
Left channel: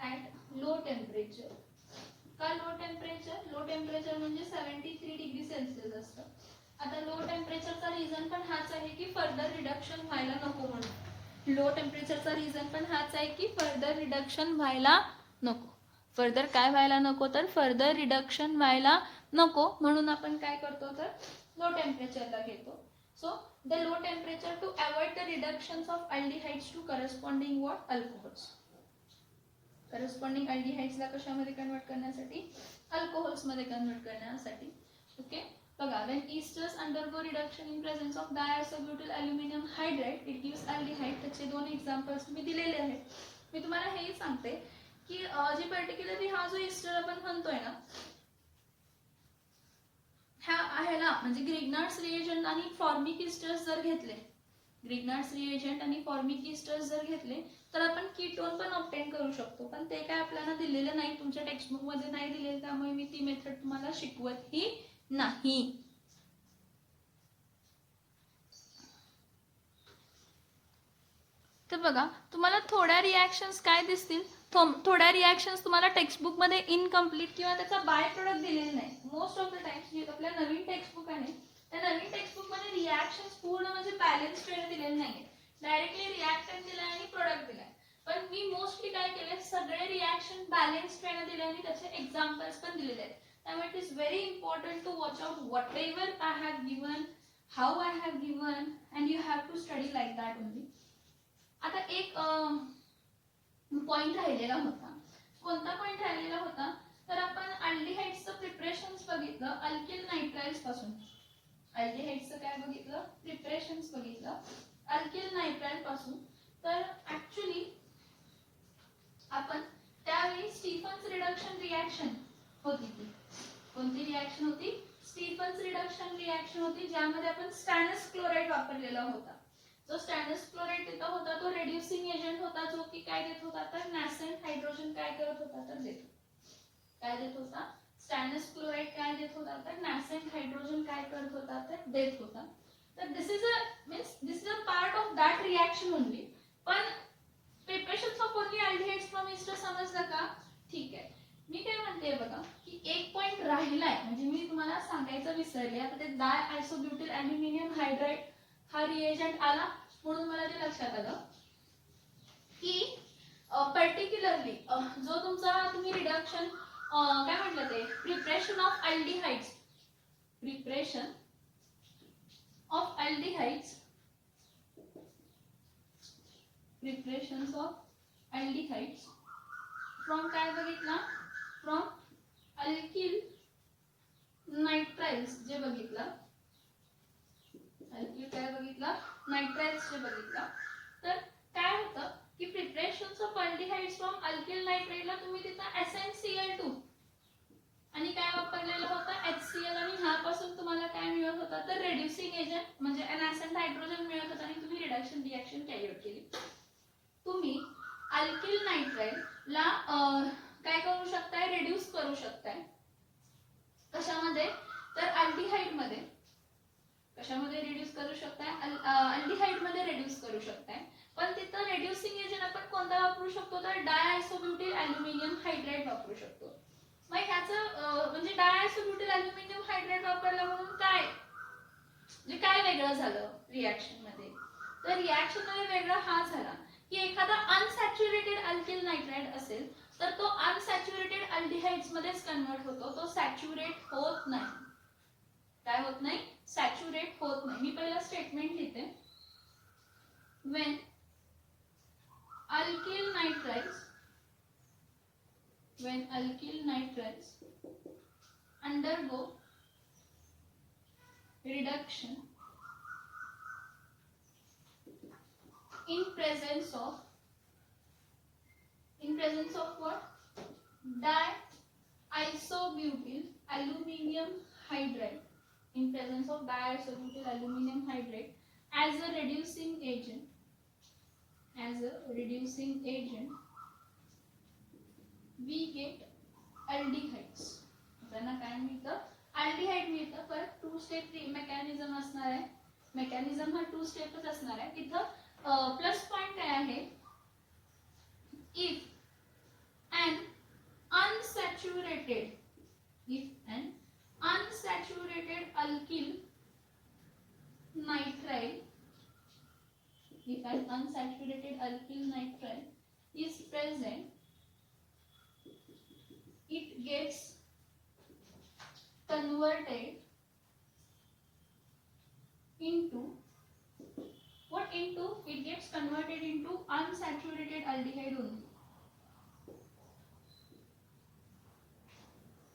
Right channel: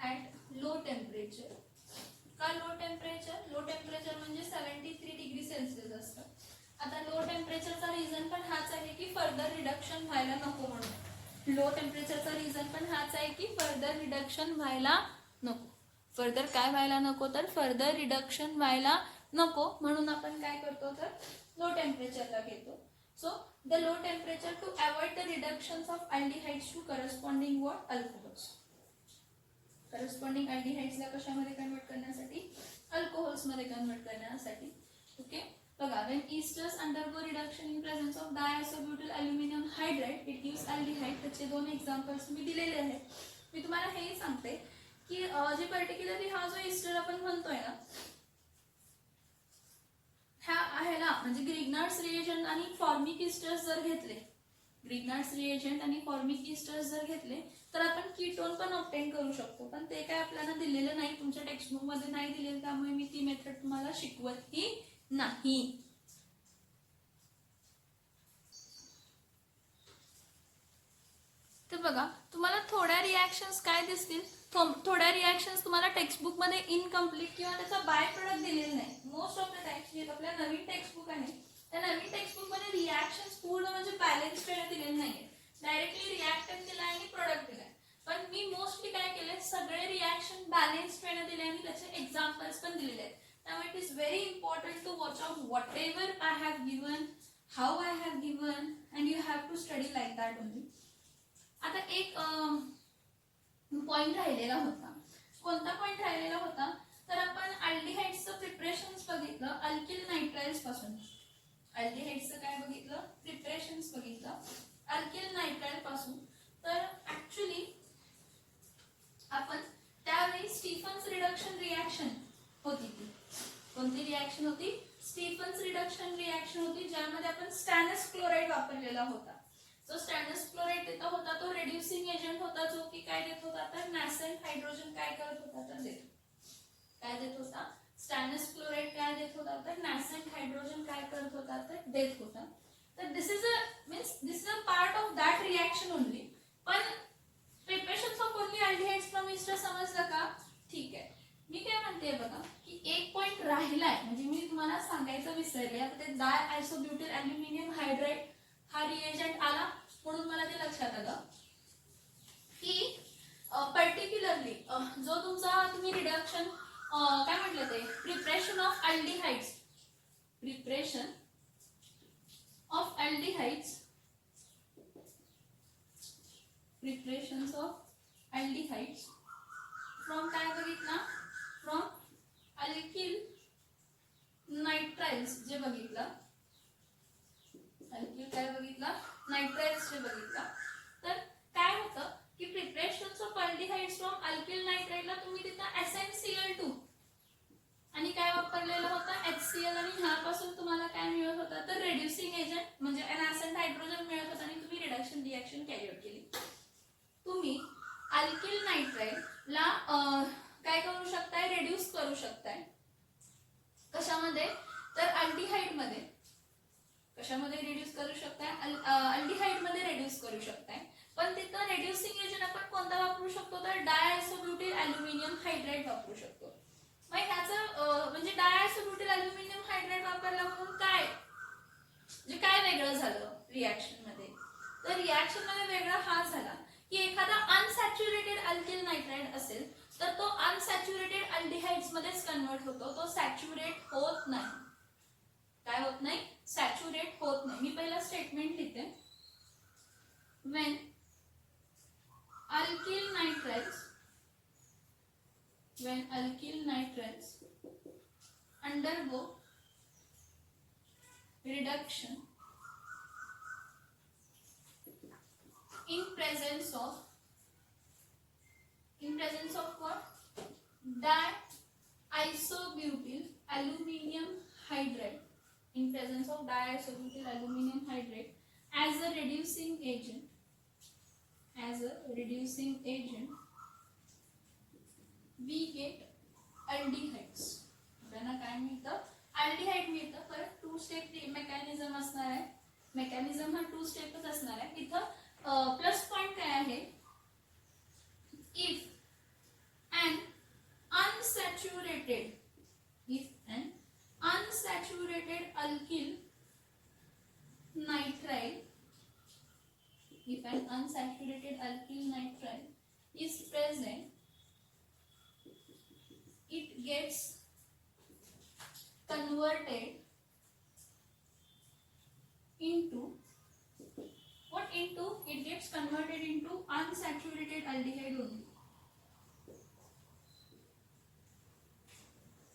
at low temperature. का लो टेम्परेचर, लो टेम्परेचर म्हणजे 73 डिग्री सेल्सिअस असतं. आता लो टेम्परेचरचा रिझन पण हाच आहे की फर्दर रिडक्शन व्हायला नको म्हणून. लो टेम्परेचरचा रिझन पण हाच आहे की फर्दर रिडक्शन व्हायला नको. फर्दर काय व्हायला नको तर फर्दर रिडक्शन व्हायला नको म्हणून आपण काय करतो तर लो टेम्परेचरला घेतो. So the low temperature to avoid the reductions of aldehydes to corresponding what alcohols. Corresponding अल्डिहाइड्सला कशामध्ये कन्वर्ट करण्यासाठी, अल्कोहोल्स मध्ये कन्वर्ट करण्यासाठी. ओके बघा, when esters undergo reduction in presence of diisobutyl aluminum hydride it gives aldehyde. त्याचे दोन examples मी दिलेले आहेत. मी तुम्हाला हेही सांगते की जे पर्टिक्युलरली हा जो एस्टर आपण म्हणतोय ना ह्याला म्हणजे ग्रिग्नार्ड्स रिएजंट आणि फॉर्मिक एस्टर्स जर घेतले, ग्रिग्नार्ड्स रिएजंट आणि फॉर्मिक एस्टर्स जर घेतले तर आपण कीटोन पण ऑब्टेन करू शकतो, पण ते काय आपल्याला दिलेलं नाही, तुमच्या टेक्स्टबुक मध्ये नाही दिलेलं, त्यामुळे मी ती मेथड तुम्हाला शिकवतही नाही. तर बघा, तुम्हाला थोड्या रिॲक्शन्स काय दिसतील, थोड्या रिॲक्शन्स तुम्हाला टेक्स्टबुक मध्ये इनकम्प्लीट किंवा त्याचा बाय प्रोडक्ट दिलेला नाही. मोस्ट ऑफ द टाइम्स जे आपल्या नवीन टेक्स्टबुक आहे त्या नवीन टेक्स्टबुक मध्ये रिॲक्शन्स पूर्ण म्हणजे बॅलन्स वेळेला दिलेले नाही, डायरेक्टली रिॲक्टंट दिलाय आणि प्रोडक्ट दिलाय. पण मी मोस्टली काय केले, सगळे रिॲक्शन बॅलन्स वेळेला दिले आणि त्याचे एक्झाम्पल्स पण दिलेले आहेत. त्यामुळे it is very important to watch out whatever I have given, how I have given, and you have to study like that only. आता एक पॉइंट राहिलेला होता. कोणता पॉइंट राहिलेला होता, तर आपण अल्डिहाइड्सचं प्रिपरेशन्स बघितलं अल्किल नायट्राइल्स पासून. अल्डिहाइड्सचं काय बघितलं, प्रिपरेशन्स बघितलं अल्किल नायट्राइल पासून. तर ऍक्च्युली आपण त्यावेळी स्टीफन्स रिडक्शन रिॲक्शन होती, ती कोणती रिॲक्शन होती, स्टीफन्स रिडक्शन रिॲक्शन होती, ज्यामध्ये आपण स्टॅनस क्लोराईड वापरलेला होता. जो स्टॅनस क्लोराईड देत होता तो रेड्युसिंग एजंट होता, जो की काय देत होता, तर नॅसेंट हायड्रोजन काय करत होता, तर काय देत होता, स्टॅनस क्लोराईड काय देत होता, तर नॅसेंट हायड्रोजन काय करत होता, तर देत होता. तर this is a part of that reaction only. पण preparation of only aldehydes from ester समजलं का? ठीक आहे. मी काय म्हणते बघा, की एक पॉइंट राहिलाय, म्हणजे मी तुम्हाला सांगायचं विसरले. आता ते डाय आयसोब्युटिल अल्युमिनियम हायड्राइड हा रिएजंट आला म्हणून मला ते लक्षात आलं की पर्टिक्युलरली जो तुमचा तुम्ही रिडक्शन काय म्हटलं ते preparation of aldehydes, preparation of aldehydes, preparations of aldehydes from काय बघितला, फ्रॉम अल्किल नायट्राइल्स जे बघितलं, अल्किल काय बघितला, नायट्राइल्स जे बघितला. तर काय होतं की preparations of aldehydes from alkyl नायट्राइडला तुम्ही तिथं SnCl2 आणि काय वापरलेलं होतं, HCl, आणि ह्यापासून तुम्हाला काय मिळत होतं, तर रेड्युसिंग एजंट म्हणजे नॅसेंट हायड्रोजन मिळत होतं आणि तुम्ही रिडक्शन रिॲक्शन कॅरी आउट केली. तुम्ही अल्किल नायट्राइडला काय करू शकताय, रिड्यूस करू शकताय. कशामध्ये, तर अल्डिहाइड मध्ये. कशामध्ये रिड्यूस करू शकताय, अल्डिहाइड मध्ये रिड्यूस करू शकताय. पण तिथं रेड्युसिंग एजंट आपण कोणता वापरू शकतो, तर डायआयसोब्युटिल अल्युमिनियम हायड्राइड वापरू शकतो. मग ह्याचं म्हणजे डायआयसोब्युटिल अल्युमिनियम हायड्राइड वापरला म्हणून काय म्हणजे काय वेगळं झालं रिॲक्शन मध्ये, तर रिॲक्शन मध्ये वेगळं हा झाला की एखादा अनसॅच्युरेटेड अल्किल नायट्राइड असेल तर तो अनसॅच्युरेटेड अल्डिहाइड्स मध्येच कन्वर्ट होतो, तो सॅच्युरेट होत नाही. काय होत नाही, सॅच्युरेट होत नाही. मी पहिला स्टेटमेंट लिहिते. when alkyl nitriles undergo reduction in presence of what, diisobutyl aluminum hydride, in presence of diisobutyl aluminum hydride as a reducing agent, we get aldehydes. आपल्याला काय मिळतं, अल्डिहाइड मिळतं. पण टू स्टेप मेकॅनिझम असणार आहे, मेकॅनिझम हा to स्टेपच असणार आहे. इथं प्लस पॉइंट काय आहे, if an unsaturated alkyl nitrile, if an unsaturated alkyl nitrile is present, it gets converted into what, into it gets converted into unsaturated aldehyde only.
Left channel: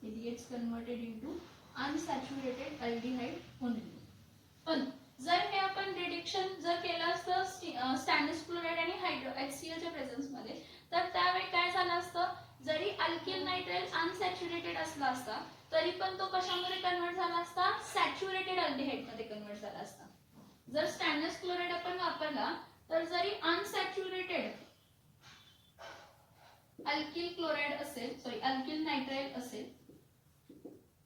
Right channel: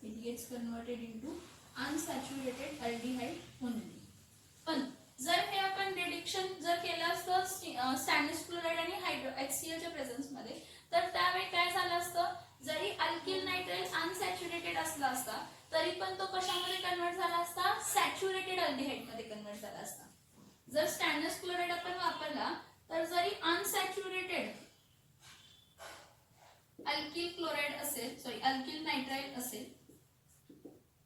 It gets converted into unsaturated aldehyde only. पण जर हे आपण reduction जर केलं असतं स्टॅनस chloride आणि HCl च्या presence मध्ये, तर त्यावेळी काय झालं असतं, जरी अल्किल नायट्राइल अनसॅच्युरेटेड असला असता तरी पण तो कशामध्ये कन्वर्ट झाला असता, सॅच्युरेटेड अल्डिहाइड मध्ये कन्वर्ट झाला असता. जर स्टॅनस क्लोराइड आपण वापरला तर जरी अनसॅच्युरेटेड अल्किल क्लोराइड असेल, सॉरी अल्किल नायट्राइल असेल,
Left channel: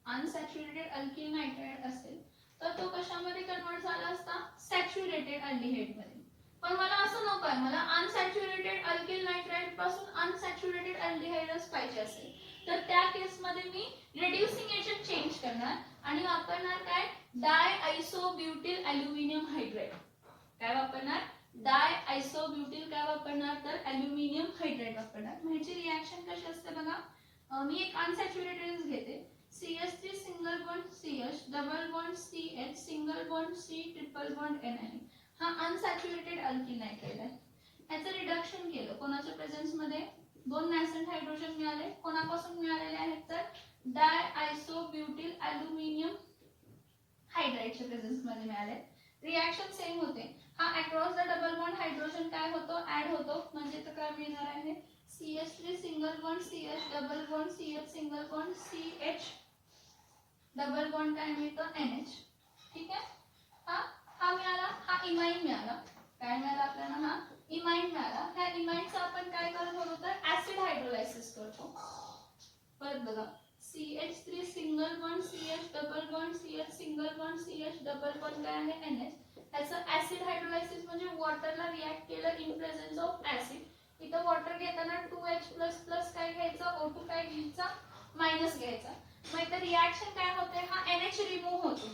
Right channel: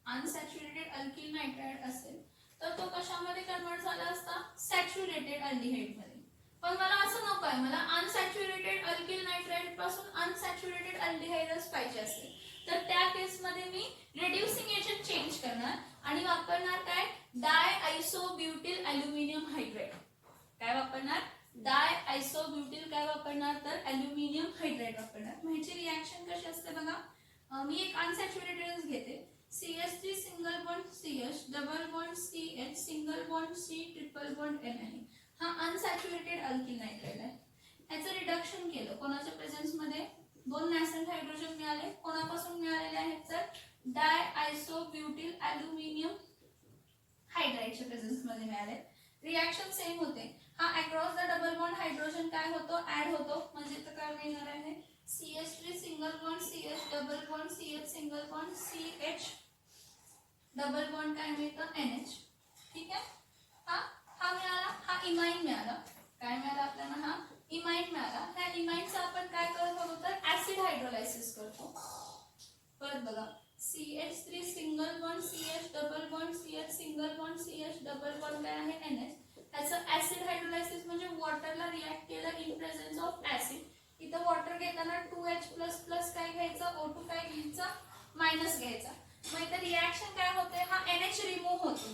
अनसॅच्युरेटेड अल्किल नायट्राइड असेल तर तो कशामध्ये कन्वर्ट झाला असता, सॅच्युरेटेड अल्डिहाइड मध्ये. पण मला असं नको आहे, मला अनसॅच्युरेटेड अल्किल नायट्राइड पासून अनसॅच्युरेटेड अल्डिहाइडच पाहिजे असेल तर त्या केस मध्ये मी रिड्युसिंग एजंट चेंज करणार आणि वापरणार काय, डाय आयसोब्युटिल अल्युमिनियम हायड्राइड. काय वापरणार, डाय आयसोब्युटिल काय वापरणार तर अल्युमिनियम हायड्राइड वापरणार. म्हणजे रिएक्शन कशी असते बघा, मी एक अनसॅच्युरेटेड घेते, CH3 single bond CH, double bond CH, single bond C, triple bond NH. हा अनसॅच्युरेटेड अल्किल नायट्राइड आहे. याचं रिडक्शन केलं कोणाच्या प्रेझेन्स मध्ये, 2 नॅसेंट हायड्रोजन मिळाले. कोणापासून मिळालेले आहेत तर डाय आयसोब्युटिल अल्युमिनियम हायड्राइडच्या प्रेझेन्स मध्ये मिळाले. रिएक्शन सेम होते. हा across the double bond hydrogen काय होतो, ऍड होतो. म्हणजे तर काय मिळणार आहे, CH3 single bond CH, double bond CH, single bond CH, double bond काय मिळतं NH. ठीक आहे. हा मिळाला, हा इमाइन मिळाला. काय मिळाला आपल्याला, हा इमाइन मिळाला. ह्या इमाइनचा आपण काय करत होतो तर ऍसिड हायड्रोलायसिस करतो. परत बघा, CH3 single bond CH, double bond CH, single bond CH, double bond काय आहे NH. त्याचं ऍसिड हायड्रोलायसिस म्हणजे वॉटरला रिॲक्ट केलं इन प्रेझेन्स ऑफ ऍसिड. इथं वॉटर घेताना 2H++ काय घ्यायचं, O2 काय घ्यायचा, मायनस घ्यायचा. मग इथं रिॲक्शन काय होते, हा NH रिमूव्ह होतो.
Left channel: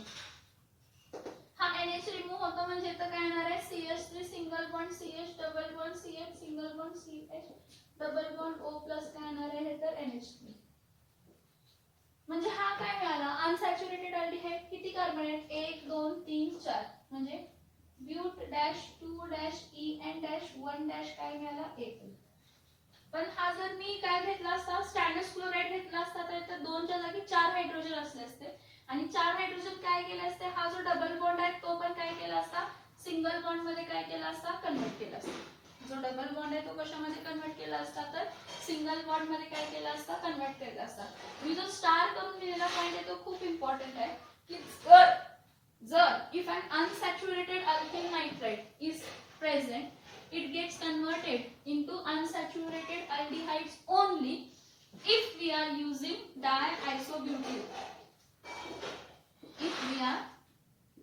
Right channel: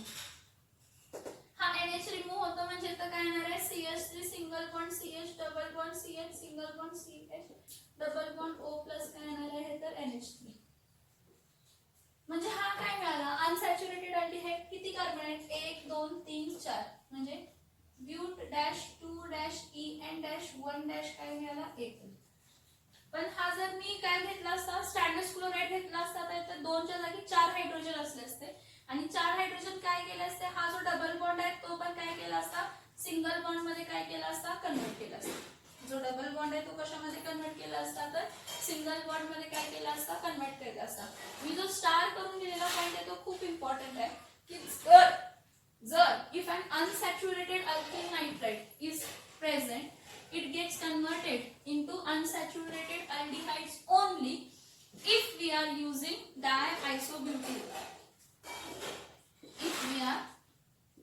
हा NH रिमूव्ह होतो म्हणजे इथं काय येणार आहे, CH3 single bond CH, double bond CH, single bond CH, double bond O plus काय येणार आहे तर NH3. म्हणजे हा काय मिळाला, अनसॅच्युरेटेड अल्डिहाइड. किती कार्बन आहेत, 1 2 3 4. म्हणजे but dash 2 dash EN dash 1 dash काय मिळाला 1. पण हा जर मी काय घेतला असता, स्टॅंडर्ड क्लोराइड घेतला असता तर इथं 2 च्या जागी 4 हायड्रोजन असले असते. आणि 4 हायड्रोजन काय केलं असते, हा जो डबल बॉन्ड आहे तो पण काय केला असता, सिंगल बॉन्ड मध्ये काय केला असता, कन्वर्ट केला असता. जो डबल बॉन्ड आहे तो कशामध्ये कन्वर्ट केला असता तर सिंगल बॉन्ड मध्ये काय केला असता, कन्वर्ट केला असता. मी जो स्टार करून लिहिलेला पॉइंट आहे तो खूप इम्पॉर्टंट आहे की जर if an unsaturated alkyl nitride is present, it gets converted into unsaturated aldehydes only if we are using diisobutyl. If we are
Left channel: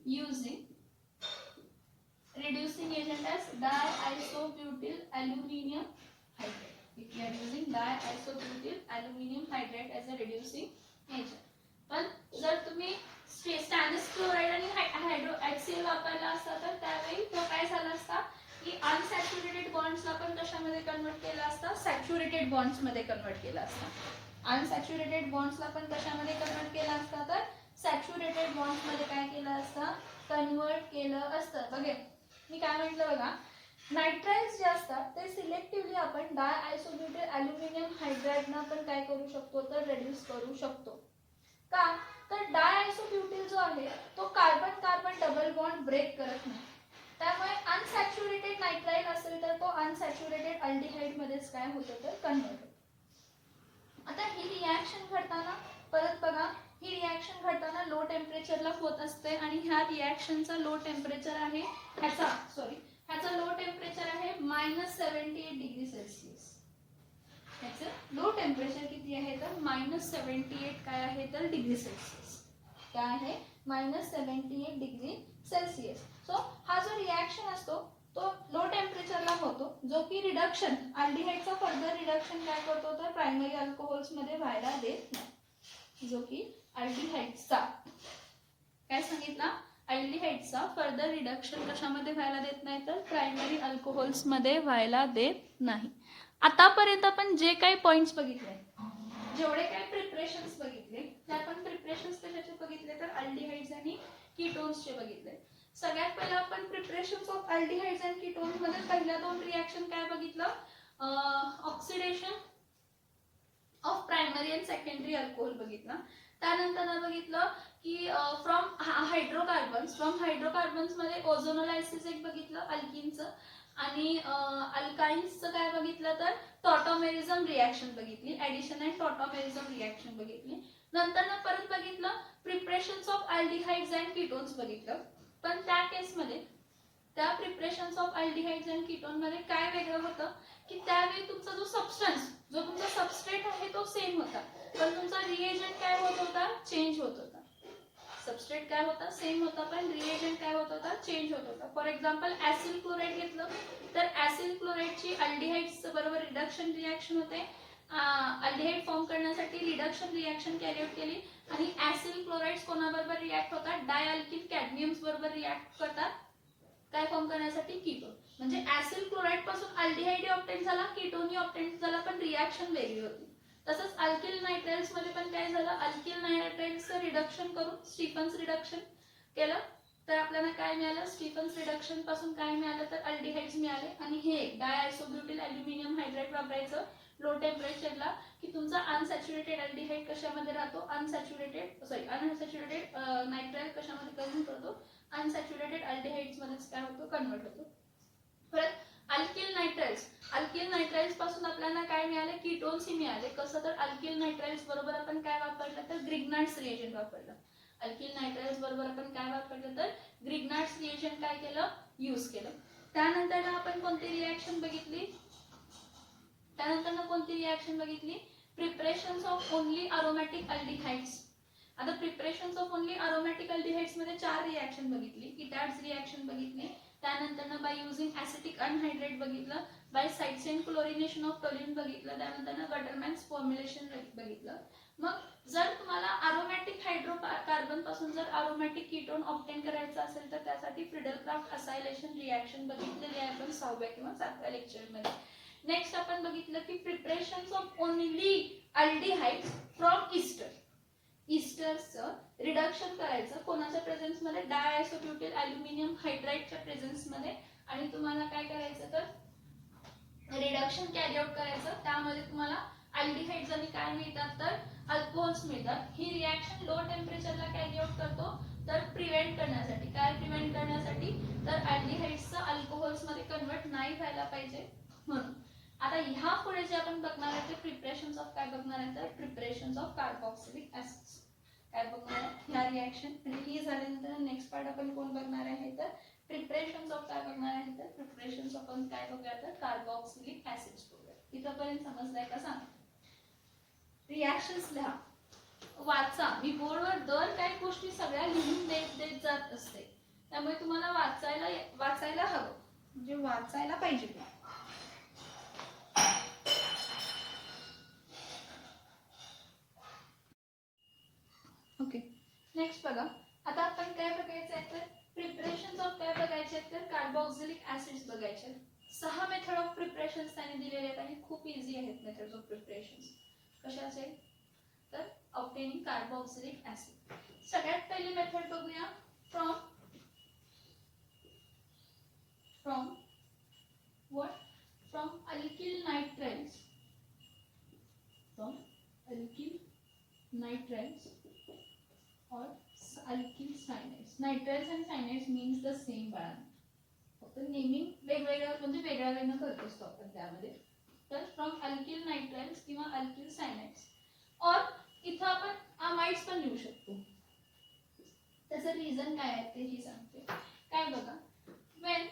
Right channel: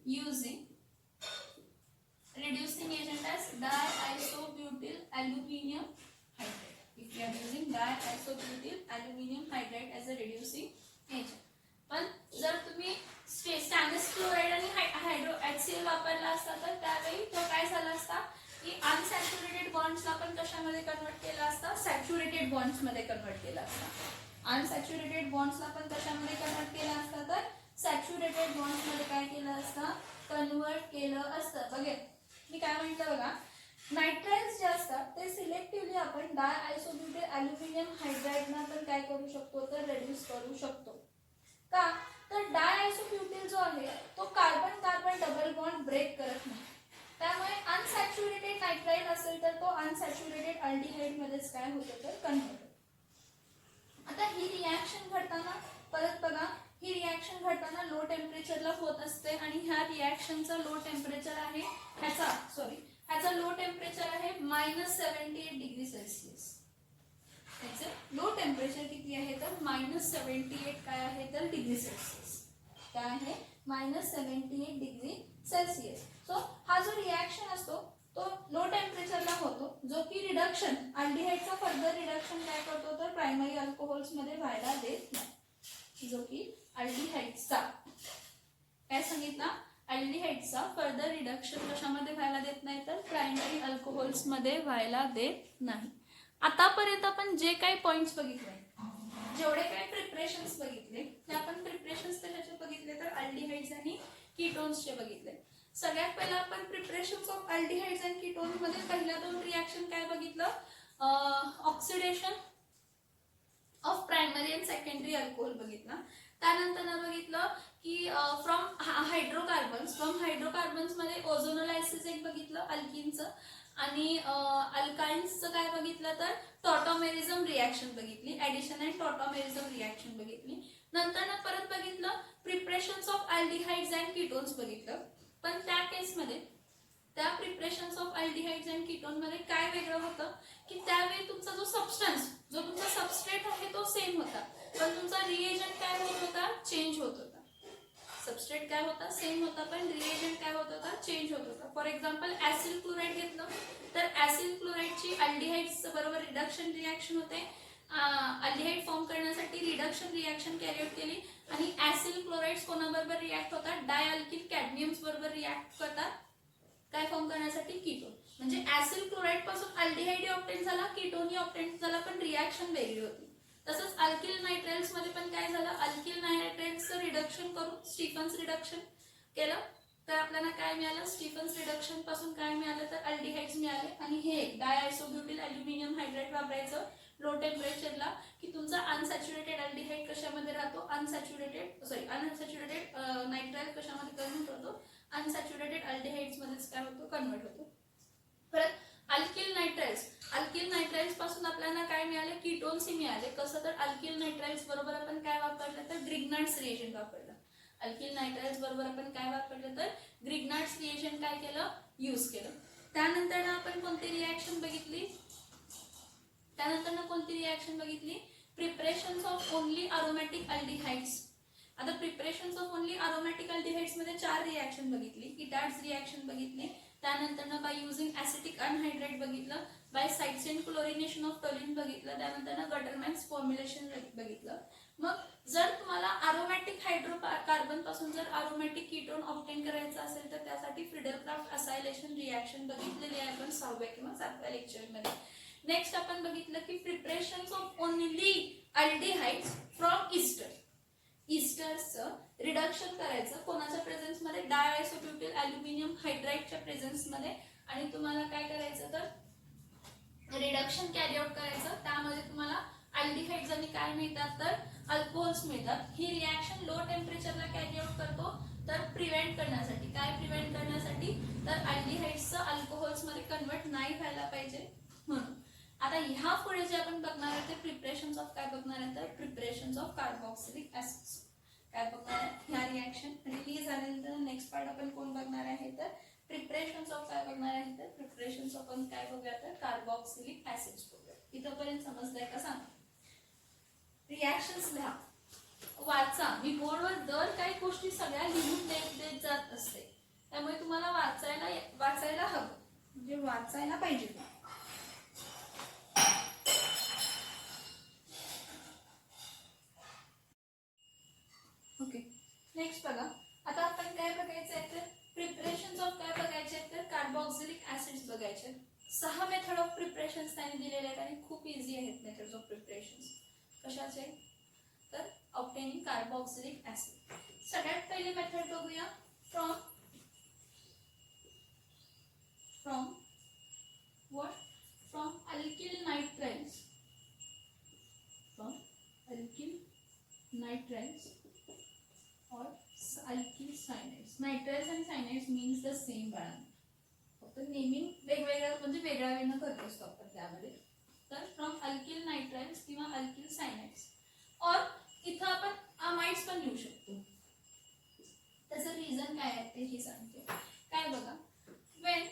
using reducing agent as diisobutyl aluminium hydride. If we are using diisobutyl aluminium hydride as a reducing agent. पण जर तुम्ही स्टॅनलेस chloride आणि hydro HCl वापरला असता तर त्यावेळी तो काय झाला असता की अनसॅच्युरेटेड बॉन्ड्सला आपण कशामध्ये कन्वर्ट केला असता, सॅच्युरेटेड बॉन्ड्स मध्ये कन्वर्ट केला असता. अनसॅच्युरेटेड बॉन्ड्सला आपण कशामध्ये कन्वर्ट केला असता तर सॅच्युरेटेड बॉन्ड्स मध्ये काय केलं असतं, कन्वर्ट केलं असतं. बघा मी काय म्हटलं बघा, नायट्राइल्स जे असतात ते सिलेक्टिव्हली आपण डायआयसोब्युटाइल अल्युमिनियम हायड्राइडना तर काय करू शकतो तर रेड्यूस करू शकतो. का तर डायआयसोब्युटाइल जो आहे तो carbon carbon double bond break करत नाही. त्यामुळे अनसॅच्युरेटेड नायट्राइल असेल तर तो अनसॅच्युरेटेड अल्डिहाइड मध्येच काय होतं तर कन्वर्ट होतो. आता ही रिॲक्शन घडताना परत बघा, ही रिॲक्शन घडताना लो टेम्परेचरला होत असते आणि ह्या रिॲक्शनचा लो टेम्परेचर आहे ह्याचा लो टेम्परेचर आहे -78 डिग्री सेल्सिअस. ह्याचं लो टेम्परेचर किती आहे तर -78 काय आहे तर डिग्री सेल्सिअस. काय आहे -78 डिग्री सेल्सिअस. सो हा जो रिॲक्शन असतो तो लो टेम्परेचरला होतो, जो की रिडक्शन अल्डिहाइडचा फर्दर रिडक्शन काय करतो तर प्रायमरी अल्कोहोल्स मध्ये व्हायला देत नाही. जो की अल्डिहाइडचा काय सांगितला, अल्डिहाइडचा फर्दर रिडक्शन कशामध्ये व्हायला देत नाही तर प्रायमरी अल्कोहोल्स मध्ये व्हायला देत नाही. आतापर्यंत आपण जे काही पॉइंट्स बघितले, जेवढे काही प्रिपरेशन्स बघितले ते आपण प्रिपरेशन्स कशाचे बघितले तर अल्डिहाइड्स आणि कीटोन्सचे बघितले. सगळ्यात पहिला आपण preparations of aldehydes and ketones मध्ये पहिल्या 2 रिॲक्शन काय बघितलं, oxidation of primary and secondary alcohol बघितला. त्यानंतर बघितलं की फ्रॉम हायड्रोकार्बन्स मध्ये ओझोनोलायसिस एक बघितलं अल्किनचं आणि अल्काइन्सचं काय बघितलं तर टॉटॉमेरिझम रिॲक्शन बघितली, ऍडिशन अँड टॉटॉमेरिझम रिॲक्शन बघितली. नंतर परत बघितलं preparations of aldehydes and ketones बघितलं. पण त्या केसमध्ये त्या preparations of aldehydes and ketone मध्ये काय वेगळं होतं की त्यावेळी तुमचा जो सबस्टन्स, जो तुमचा सबस्ट्रेट आहे तो सेम होता, पण तुमचा रिएजंट काय होत होता, चेंज होत होता. सबस्ट्रेट काय होता, सेम होता, पण रिएजंट काय होत होता, चेंज होत होता. फॉर एक्झाम्पल ऍसिड क्लोराईड घेतलं तर ऍसिड क्लोराईडची अल्डिहाइड्स बरोबर रिडक्शन रिॲक्शन होते. अल्डिहाइड फॉर्म करण्यासाठी रिडक्शन रिॲक्शन कॅरी आउट केली आणि ऍसिड क्लोराइड्स कोणाबरोबर रिॲक्ट होतात, डायअल्किल कॅडमियम्स बरोबर रिॲक्ट करतात काय फॉर्म करण्यासाठी, कीटोन. म्हणजे ऍसिड क्लोराईड पासून अल्डिहाइड ऑब्टेन झाला, कीटोन ऑब्टेन झाला, पण रिॲक्शन वेगळी होती. तसंच अल्किल नायट्राइल्स मध्ये पण काय झालं, अल्किल नायट्राइल्सचं रिडक्शन करून स्टीफन्स रिडक्शन केलं तर आपल्याला काय मिळालं, स्टीफन्स रिडक्शन पासून काय मिळालं तर अल्डिहाइड्स मिळाले. आणि हे डायआयसोब्युटिल अल्युमिनियम हायड्राइड वापरायचं लो टेम्परेचरला की तुमचा अनसॅच्युरेटेड अल्डिहाइड कशामध्ये राहतो, अनसॅच्युरेटेड नायट्राइल कशामध्ये कन्व्हर्ट होतो, अनसॅच्युरेटेड अल्डिहाइड्स मध्येच काय होतो, कन्व्हर्ट होतो. परत अल्किल नायट्राइल्स पासून आपल्याला काय मिळाले, कीटोन्स मिळाले. कसं तर अल्किल नायट्राइल्स बरोबर आपण काय वापरलं तर ग्रिग्नार्ड्स रिएजंट वापरलं. अल्किल नायट्राइल्स बरोबर आपण काय वापरलं तर ग्रिग्नार्ड्स रिएजंट काय केलं, यूज केलं. त्यानंतर आपण कोणती रिॲक्शन बघितली, preparations of only aromatic aldehydes. आता preparations of only aromatic aldehydes मध्ये 4 रिॲक्शन बघितली. इटार्ड्स रिॲक्शन बघितली, त्यानंतर बाय युझिंग ऍसिटिक अनहायड्रेट बघितलं, bye side chain chlorination of toluene बघितलं, त्यानंतर गटरमॅन्स फॉर्म्युलेशन बघितलं. मग जर तुम्हाला अरोमॅटिक हायड्रोकार्बन पासून जर अरोमॅटिक कीटोन ऑब्टेन करायचं असेल तर त्यासाठी फ्रिडल-क्राफ्ट असायलेशन रिॲक्शन बघितलेली आहे आपण 6व्या किंवा 7व्या लेक्चरमध्ये. नेक्स्ट आपण बघितलं की preparations of only aldehydes from ester. ईस्टर्सचं रिडक्शन करायचं कोणाच्या प्रेझेन्स मध्ये, डायआयसोब्युटिल अल्युमिनियम हायड्राइडच्या प्रेझेन्स मध्ये. आणि तुम्हाला काय करायचं तर रिडक्शन कॅरी आउट करायचं, त्यामध्ये तुम्हाला अल्डिहाइड्स आणि काय मिळतात तर अल्कोहोल्स मिळतात. ही रिॲक्शन लो टेम्परेचरला कॅरी आउट करतो तर प्रिव्हेंट करण्यासाठी, काय प्रिव्हेंट करण्यासाठी तर अल्डिहाइड्सचं अल्कोहोल्स मध्ये कन्वर्ट नाही व्हायला पाहिजे म्हणून. आता ह्या पुढे जे आपण बघणार आहे ते प्रिपरेशन्स ऑफ काय बघणार आहे तर प्रिपरेशन्स ऑफ कार्बॉक्सिलिक ऍसिड्स काय बघणार आहे. ह्या रिॲक्शन रिलीज झाल्यानंतर नेक्स्ट पार्ट आपण कोण बघणार आहे तर प्रिपरेशन्स ऑफ काय बघणार आहे तर प्रिपरेशन्स ऑफ आपण काय बघूया तर कार्बॉक्सिलिक ऍसिड्स बघूया. इथंपर्यंत समजलंय का सांगा. रिॲक्शन्स लिहा, वाचा. मी बोर्डवर दर काही गोष्टी सगळ्या लिहून देत जात असते, त्यामुळे तुम्हाला वाचायला हवं, म्हणजे वाचायला पाहिजे. ओके, नेक्स्ट बघा. आता आपण काय बघायचं आहे तर प्रिपरेशन्स ऑफ काय बघायचे तर कार्बॉक्सिलिक ऍसिड्स बघायचे. 6 मेथड ऑफ प्रिपरेशन्स त्यांनी दिलेले आहेत आणि खूप इझी आहेत मेथड्स ऑफ प्रिपरेशन्स. कशाचे तर ऑब्टेनिंग कार्बॉक्सिलिक ऍसिड. सगळ्यात पहिली मेथड बघूया from what from alkyl nitriles, or alkyl cyanides. Nitriles and cyanides means the same बाळा, फक्त नेमिंग वेगवेगळ्या म्हणजे वेगळ्या वेगळं करत असतो आपण त्यामध्ये. तर फ्रॉम अल्किल नायट्राइल्स किंवा अल्किल सायनाइड्स, और इथं आपण अमाइड्स पण लिहू शकतो. त्याचं रिझन काय आहे तेही सांगते. काय बघा, when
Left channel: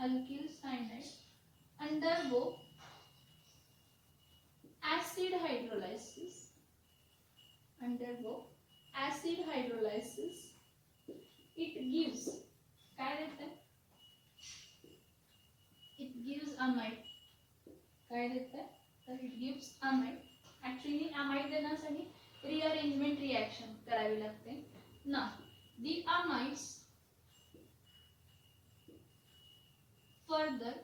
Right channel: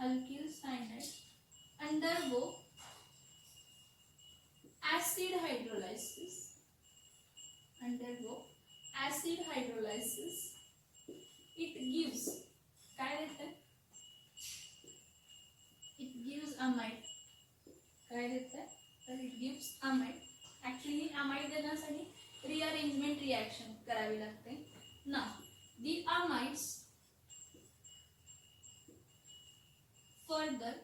alkyl cyanide undergo acid hydrolysis, it gives काय देते, it gives amide. काय देते तर it gives amide. Actually amide देण्यासाठी रिअरेंजमेंट रिॲक्शन करावी लागते ना. the amides further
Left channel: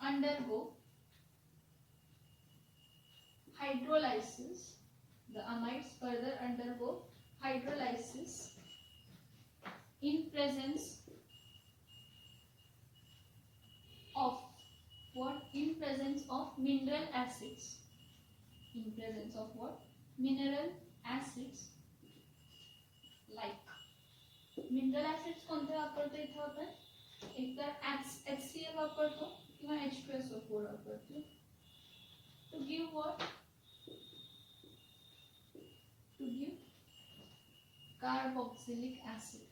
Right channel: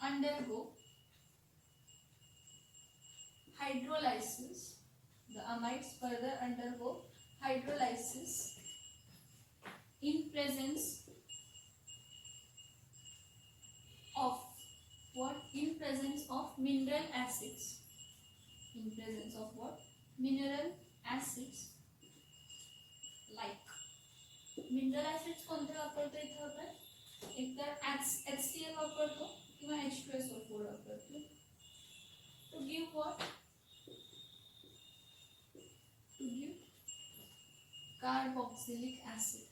undergo hydrolysis. The amides further undergo hydrolysis in presence of what? In presence of mineral acids. In presence of what? Mineral acids. Like mineral acids कोणते वापरतो इथे आपण, एक तर HCl वापरतो किंवा H2SO4 वापरतो. To give what? Carboxylic acid.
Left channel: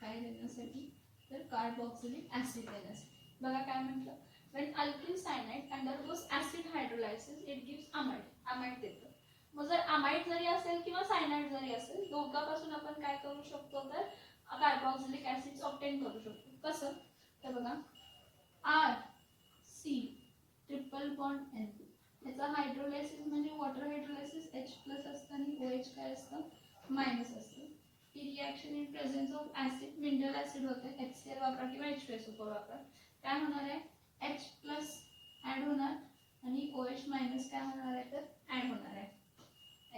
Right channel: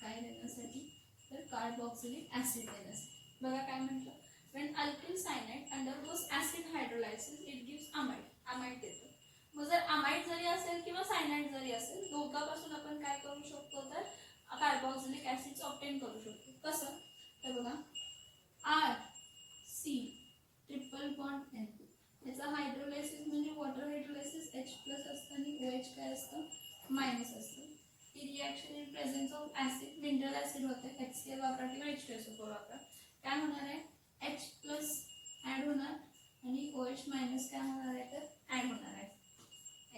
काय देण्यासाठी? तर कार्बोक्सिलिक ऍसिड देण्यासाठी. बघा काय म्हटलं, when alkyl cyanide undergoes acid hydrolysis it gives amide. amide देतो. मग जर amide जरी असेल किंवा सायनाइड जरी असेल, दोघांपासून आपण काय करू शकतो, तर कार्बोक्सिलिक ऍसिड ऑब्टेन करू शकतो. कसं? तर बघा R C triple bond N, याचा हायड्रोलायसिस म्हणजे वॉटर हायड्रोलायसिस H+ असतं आणि OH काय असतं, मायनस असतं. ही reaction in presence of acid, mineral acid होते, HCl वापरा किंवा H2SO4 वापरा. काय होणार आहे, H+ ऍड होणार आणि OH- काय होणार आहे, तर ऍड होणार आहे.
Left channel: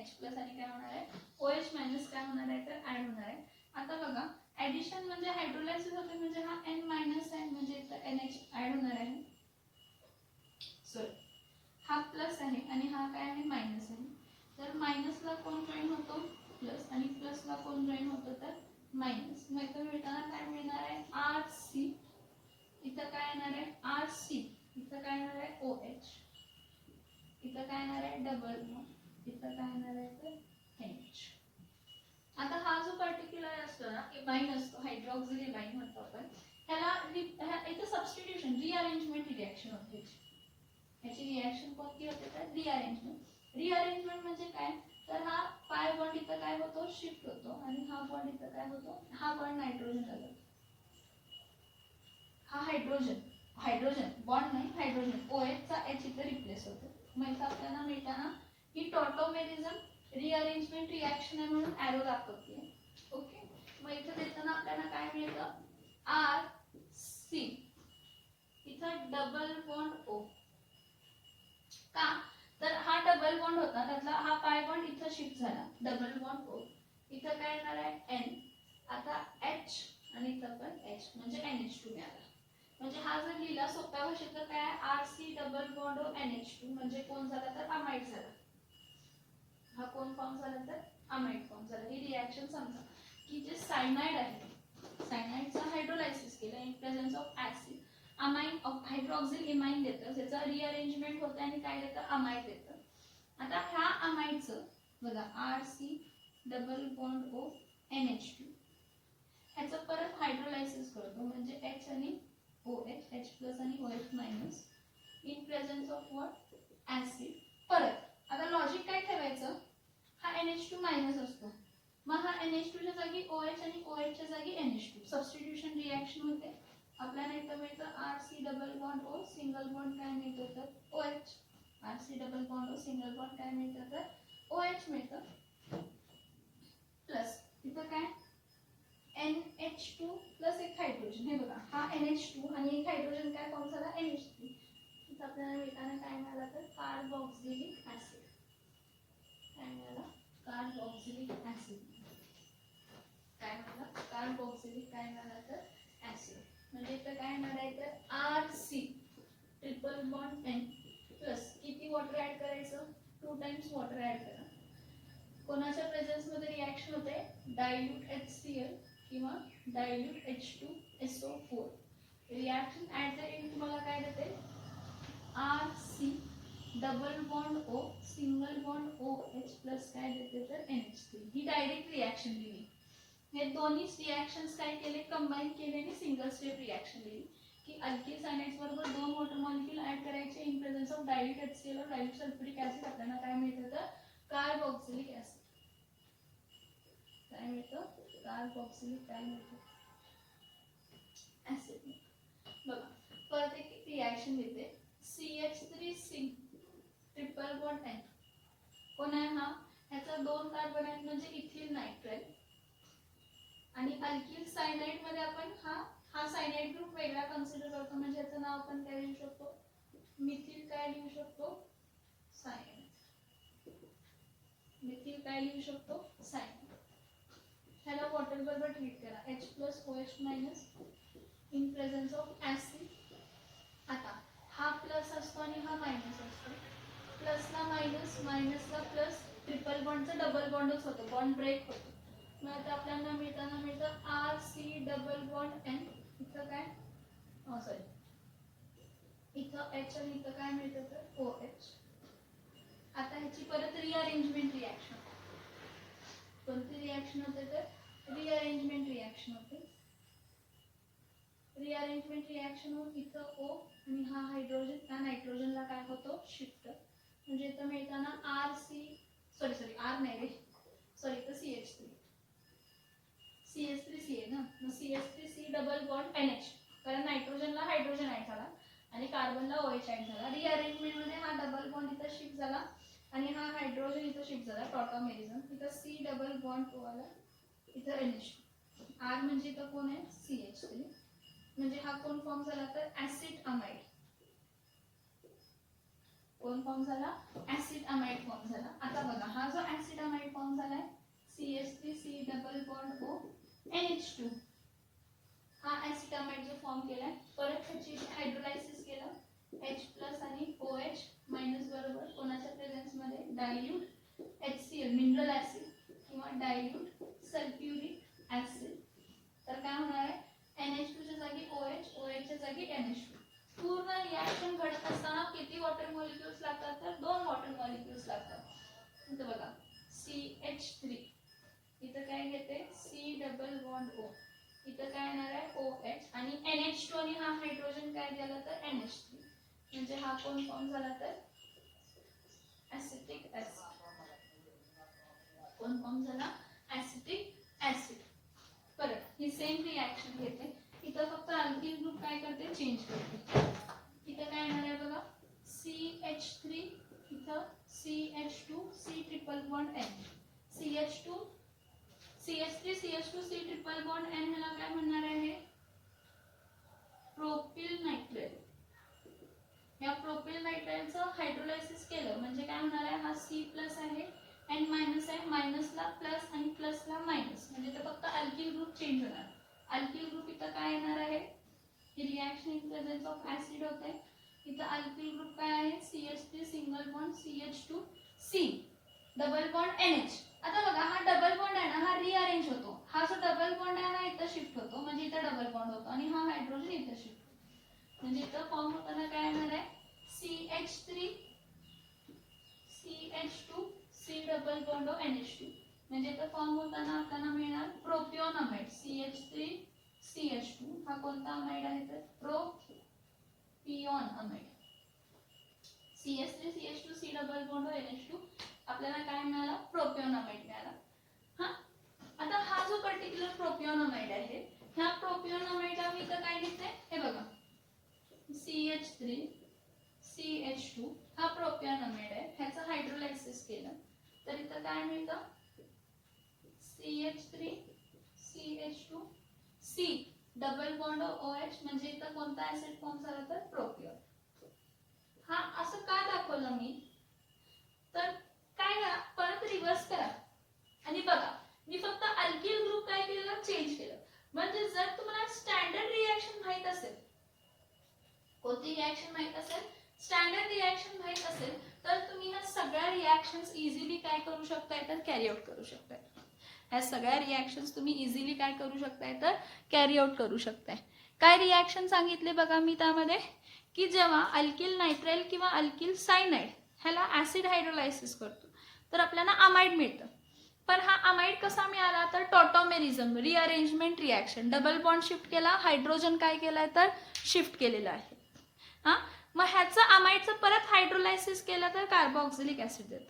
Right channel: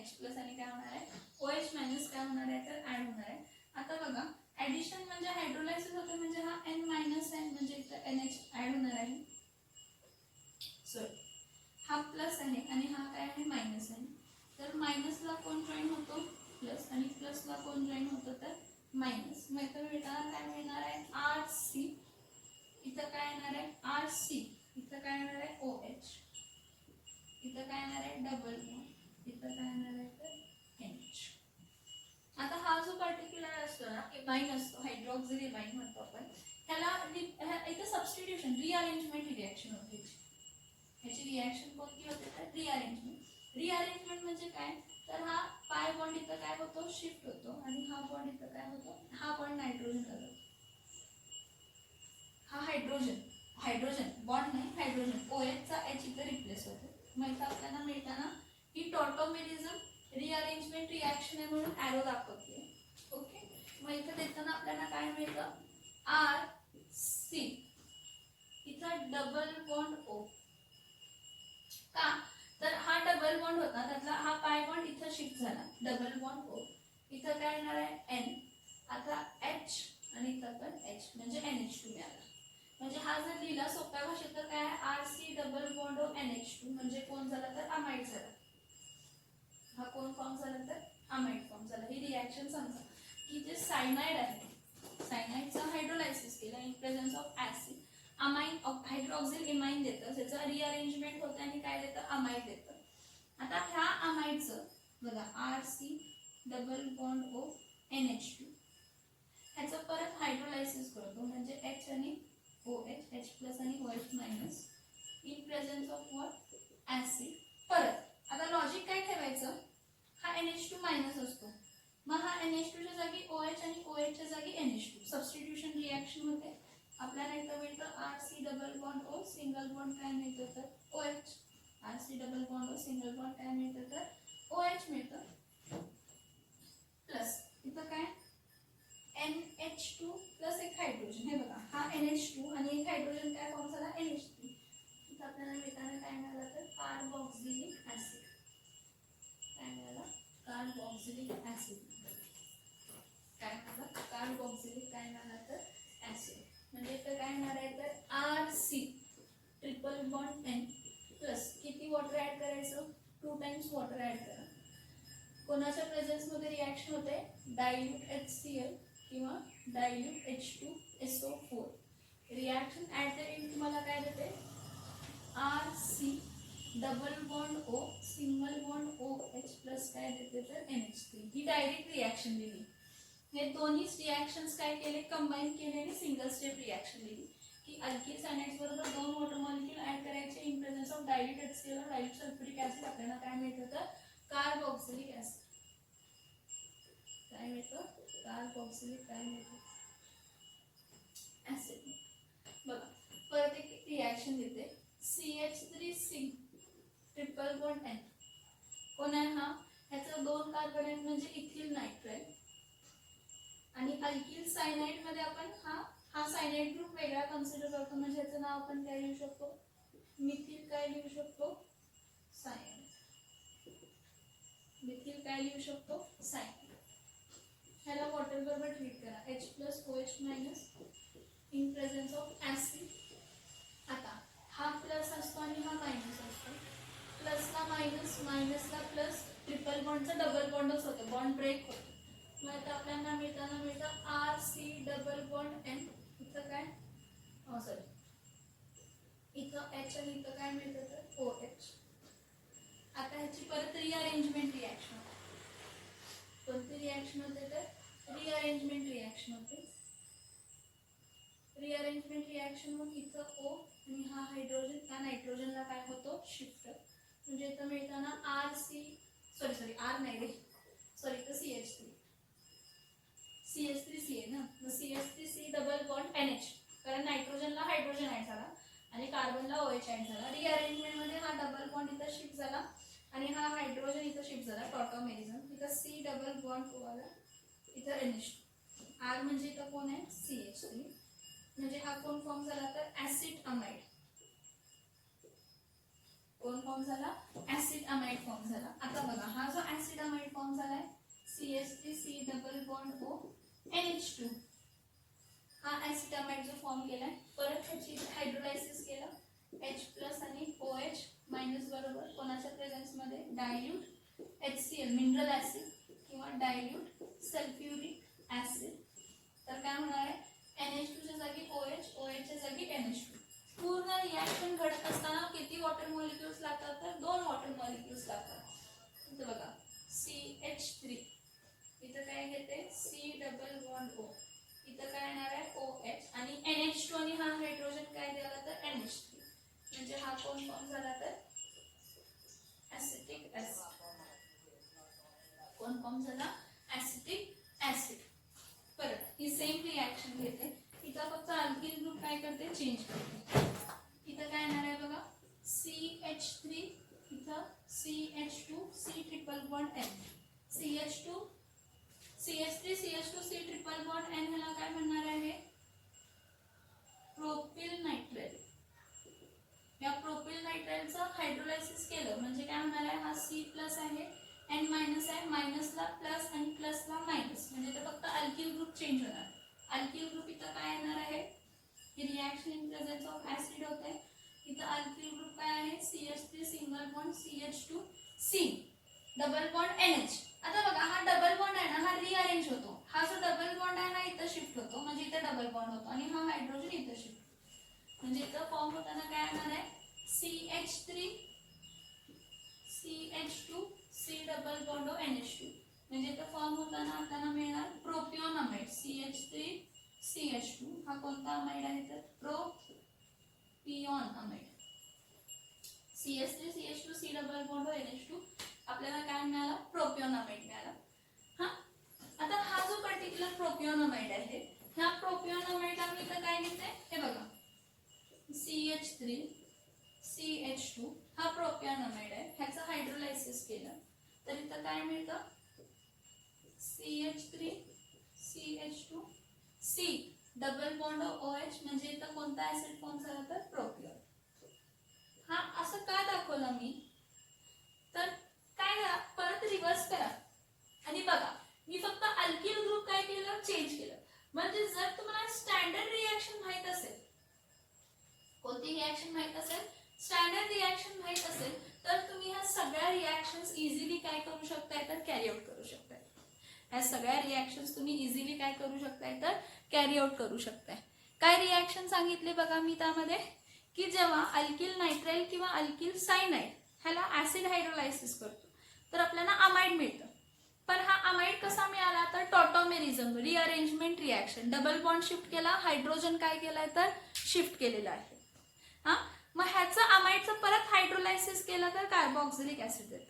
H+ आणि काय होणार आहे, OH- काय होणार आहे, तर ऍड होणार आहे. आता बघा ऍडिशन म्हणजे हायड्रोलायसिस होते म्हणजे हा N- आहे म्हणजे इथं NH ऍड होणार आहे. सॉरी, हा प्लस आहे आणि हा काय आहे, मायनस आहे. तर मायनसला कोण जॉईन होतो, प्लस, आणि प्लसला कोण जॉईन होतो, तर मायनस. मग इथं मिळताना काय मिळणार आहे, RC. इथं काय येणार आहे, RC. इथं काय येणार आहे, OH. इथं काय येणार आहे, डबल बॉन्ड. इथं काय येणार आहे, तर NH. आता हा जो पर्टिक्युलर असतो ना, इमाइन असतो, हायड्रॉक्सिल इमाइन म्हणतो आपण, ह्याला इथं सबस्टिट्यूशन, रिअरेंजमेंट रिॲक्शन होते. ह्याची रिॲक्शन कोणती होते, तर रिअरेंजमेंट. रिअरेंजमेंट म्हणजे काय, तर हा पाय बॉन्ड इथं काय होतो, शिफ्ट होतो आणि हा बॉन्ड इथं काय होतो, हा बॉन्ड नायट्रोजन झाला. हा हायड्रोजन बॉन्ड नाही, हायड्रोजन OH चा H इथं रिप्लेस होतो. मग इथं आपल्याला मिळताना ही टॉटोमेरिझम रिअरेंजमेंट रिॲक्शन आहे म्हणून ॲरो दाखवते. ओके, मग इथं देताना आपल्याला काय मिळतं, RC. इथं डबल बॉन्ड O. का, तर हा डबल बॉन्ड होता, त्यातला हा पाय बॉन्ड इथं शिफ्ट झाला, डबल बॉन्ड O. इथं काय येणार आहे, N. आता H आणि इथं पण H म्हणजे NH2 मिळाला. म्हणजे हा जर लिहिला सोप्या भाषेत तर काय, RC double bond O NH2 म्हणजे कोण झाला, तर अमाइड झाला. हा कोण फॉर्म झाला, तर अमाइड फॉर्म झाला. ही रिॲक्शन समजा की जे सायनाइड आहे, सायनाइडचं हायड्रोलायसिस केलं in presence of acid, amine of hydroxyl imine देतं, त्याचं रिअरेंजमेंट होतं आणि काय देतं, अमाइड देतं. आता ह्या अमाइडचं बघा RC double bond O NH2, ह्याचं परत हायड्रोलायसिस करतो म्हणजे H आणि OH, H+ आणि OH- in presence of what, acid. परत आता लॉजिक काय ठेवायचं, हा NH2- असतो, मग हा NH2 च्या जागी OH आणि OH च्या जागी NH2, सबस्टिट्यूशन रिॲक्शन होते. आपल्याला इथं मिळतं RC double bond O, single bond काय मिळतं, तर OH. RC double bond O, single bond काय मिळतं, तर OH मिळतं. प्लस इथं काय, NH2 प्लस एक हायड्रोजन. हे बघा हा NH2 आणि एक हायड्रोजन काय फॉर्म झाला, NH3. इथं आपल्याला मिळताना काय मिळालं, तर कार्बोक्सिलिक ऍसिड. काय मिळाला, कार्बोक्सिलिक ऍसिड. काय मिळालं, कार्बोक्सिलिक काय मिळालं, तर ऍसिड. म्हणजे इथं काय येणार आहे, तर RC triple bond N plus किती वॉटर ऍड करायचं, 2 टाइम्स वॉटर ऍड करा. कोणाच्या प्रेझेन्स मध्ये रिॲक्शन होते, डायल्यूट HCl किंवा dilute H2SO4. Reaction at the end तुम्हाला काय देते, RC double bond O, single bond OH plus काय देते, तर NH3. ही डायरेक्ट रिॲक्शन लिहिली. हे दोन्ही रिॲक्शन्स काय केले, कंबाईन केले आणि सिंगल स्टेप रिॲक्शन लिहिली की अल्किल सायनाइड्स बरोबर 2 वॉटर मॉलिक्यूल ऍड करायचे in presence of dilute HCl और डायल्यूट सल्फ्युरिक ऍसिड. आपल्याला काय मिळतं, तर कार्बोक्सिलिक ऍसिड. काय मिळतं, कार्बोक्सिलिक काय मिळतं, ऍसिड. बघा परत एक रिॲक्शन देते, CH3 ट्रिपल बॉन्ड N. कोण आहे हा, ह्याचा 2 कार्बन आहेत म्हणजे इथिल नायट्राइल. आणि अल्किल सायनाइड मध्ये आपण हा सायनाइड ग्रुप वेगळा कन्सिडर करतो म्हणजे याचं नाव आपण काय लिहू शकतो, मिथिल काय लिहू शकतो, सायनाइड. मिथिल काय लिहू शकतो, सायनाइड. ह्याला वॉटर बरोबर ट्रीट करा, H+ OH- in presence of acid. आता हा प्लस असतो आणि हा मायनस असतो, प्लसला मायनस, मायनसला प्लस, ट्रिपल बॉन्डचा डबल बॉन्डच होतो, बॉन्ड ब्रेक होतो. मग आता आपल्याला मिळताना मिळतं RC डबल बॉन्ड N. इथं काय, सॉरी, इथं H आणि इथं काय मिळतं, तर OH. आता ह्याची परत रिअरेंजमेंट रिॲक्शन, कोणती रिॲक्शन होते तर रिअरेंजमेंट रिॲक्शन होते. रिअरेंजमेंट रिॲक्शन होऊन इथं O आणि हा हायड्रोजन त्या नायट्रोजनला काय होतो शिफ्ट. म्हणजे इथं मिळताना आर नाही रे सॉरी तर CH3 आहे ना. मग CH3C डबल बॉन्ड NH कारण नायट्रोजनला हायड्रोजन ऍड झाला आणि कार्बनला OH ऍड झाला. रिअरेंजमेंट मध्ये हा डबल बॉन्ड इथं शिफ्ट झाला आणि हा हायड्रोजन इथं शिफ्ट झाला टॉटॉमेरिझम. इथं C डबल बॉन्ड O आला इथं NH. R म्हणजे इथं कोण आहे CH3 म्हणजे हा कोण फॉर्म झाला तर ऍसिड अमाइड. कोण फॉर्म झाला ऍसिड अमाइड फॉर्म झाला. आता बघा हा जो ऍसिड अमाइड फॉर्म झालाय CH3C double bond O NH2 हा ऍसिड अमाइड जो फॉर्म केलाय परत ह्याची हायड्रोलायसिस केलं H+ आणि OH मायनस बरोबर कोणाच्या प्रेझेन्स मध्ये डायल्यूट HCl मिनरल ऍसिड किंवा डायल्यूट सल्फ्युरिक ऍसिड. तर काय होणार आहे NH2 च्या जागी OH OH च्या जागी NH2. पूर्ण रिॲक्शन घडत असताना किती वॉटर मॉलिक्युल्स लागतात तर 2 वॉटर मॉलिक्युल्स लागतात. इथं बघा CH3 इथं काय घेते C डबल बॉन्ड O इथं काय येणार आहे OH आणि NH2 आणि हा हायड्रोजन काय झाला तर NH3 म्हणजे हा कोण फॉर्म झाला तर ऍसिटिक ऍसिड. कोण फॉर्म झाला ऍसिटिक ऍसिड. परत ही सेम रिॲक्शन घेते इथं फक्त अल्किल ग्रुप काय करते चेंज करते. इथं काय येणार आहे बघा CH3 इथं CH2 C triple bond N CH2 CH3 CH2 C triple bond N ह्याला काय म्हणणार आहे प्रोपिल नायट्राइल. या प्रोपिल नायट्राइलचं हायड्रोलायसिस केलं म्हणजे काय होणार आहे हा C+ आहे N- आहे मायनसला प्लस आणि प्लसला मायनस म्हणजे तर फक्त अल्किल ग्रुप चेंज होणार. अल्किल ग्रुप इथं काय येणार आहे ही reaction in presence of acid होते. इथं अल्किल ग्रुप काय आहे CH3 single bond CH2 C double bond NH. आता बघा हा डबल बॉन्ड आहे ना हा रिअरेंज होतो. हा जो डबल बॉन्ड आहे ना इथं शिफ्ट होतो म्हणजे इथं डबल बॉन्ड होतो आणि हा हायड्रोजन इथं शिफ्ट म्हणजे इथं फॉर्म होताना काय येणार आहे CH3 CH2 C double bond NH2 म्हणजे इथं फॉर्म होताना आपल्याला मिळणार प्रोपिओन अमाइड CH3 CH2 हा कोणता अमाइड आहे तर propionamide. CH3 CH2 C double bond NH2 आपल्याला काय मिळाला प्रोपिओन अमाइड मिळाला. हा आता हा जो पर्टिक्युलर प्रोपिओन अमाइड आहे ह्या प्रोपिओन अमाइडला मी इथं काय घेते हे बघा CH3 CH2 हा प्रोपिओन अमाइड आहे. ह्याचं हायड्रोलायसिस केलं तर इथं काय मिळतं CH3 CH2 C double bond OH म्हणजे इथं कोणता ऍसिड फॉर्म झाला तर प्रोपिओन. हा असं का दाखवलं मी तर काय करा परत रिव्हर्स करा आणि बघा मी फक्त अल्किल ग्रुप काय केलं चेंज केलं. म्हणजे जर तुम्हाला स्टँडर्ड रिॲक्शन माहित असेल कोणती रिॲक्शन माहित असेल स्टँडर्ड रिॲक्शन माहित असेल तर तुम्ही ह्या सगळ्या रिॲक्शन्स इझिली काय करू शकताय तर कॅरी आउट करू शकताय. ह्या सगळ्या रिॲक्शन्स तुम्ही इझिली काय करू शकताय तर कॅरी आउट करू शकताय. काय रिॲक्शन सांगितले बघा मी त्यामध्ये की जेव्हा अल्किल नायट्राइल किंवा अल्किल सायनाइड ह्याला ऍसिड हायड्रोलायसिस करतो तर आपल्याला अमाइड मिळतं. पण हा अमाइड कसा मिळाला तर tautomerism rearrangement reaction double bond shift केला हायड्रोजन काय केलाय तर शिफ्ट केलेला आहे. हा मग ह्याचं अमाइडचं परत हायड्रोलायसिस केलं तर कार्बोक्सिलिक ऍसिड देतं.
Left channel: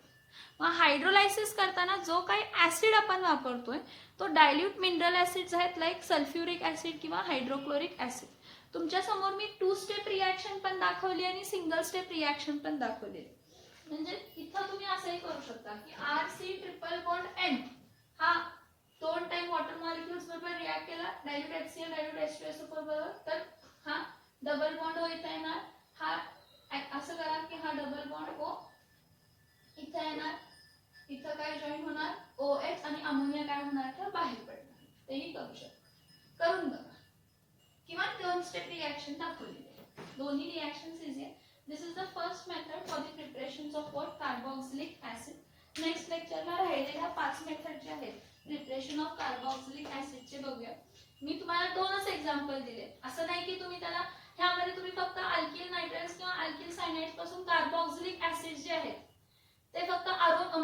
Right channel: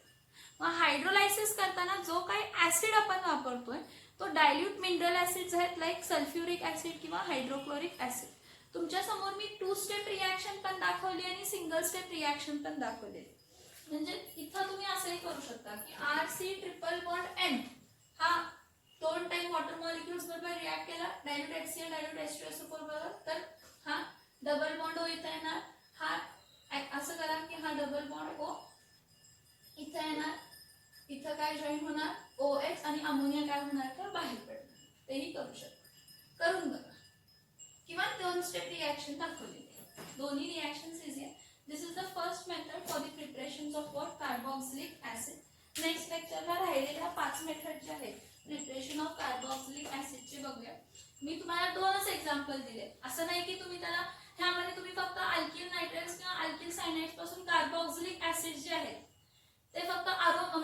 मग हायड्रोलायसिस करताना जो काही ऍसिड आपण वापरतोय तो डायल्यूट मिनरल ऍसिड्स आहेत लाईक सल्फ्युरिक ऍसिड किंवा हायड्रोक्लोरिक ऍसिड. तुमच्या समोर मी 2 स्टेप रिॲक्शन पण दाखवली आणि सिंगल स्टेप रिॲक्शन पण दाखवलेली. म्हणजे इथं तुम्ही असंही करू शकता की RC ट्रिपल बॉन्ड N हा 2 टाइम वॉटर मॉलिक्युल्स बरोबर रिॲक्ट केला डायल्यूट HCl डायल्यूट H2SO4 बरोबर तर हा डबल बॉन्ड O इथं येणार. हा असं करा की हा डबल बॉन्ड O इथं येणार इथं काय जॉईन होणार OH आणि अमोनिया काय होणार तर बाहेर पडणार. तेही करू शकता करून बघा किंवा 2 स्टेप रिॲक्शन दाखवलेली आहे. दोन्ही रिॲक्शन्स इझी आहे. This is the first method for the preparation of what carboxylic acid. Next लेक्चरला राहिलेल्या 5 मेथड जे आहेत प्रिपरेशन ऑफ कार्बोक्सिलिक ऍसिडचे बघूया. मी तुम्हाला 2च एक्झाम्पल दिले. असं नाही की तुम्ही त्याला ह्यामध्ये तुम्ही फक्त अल्किल नायट्राइल्स किंवा अल्किल सायनाइड्स पासून कार्बोक्सिलिक ऍसिड जे आहेत ते फक्त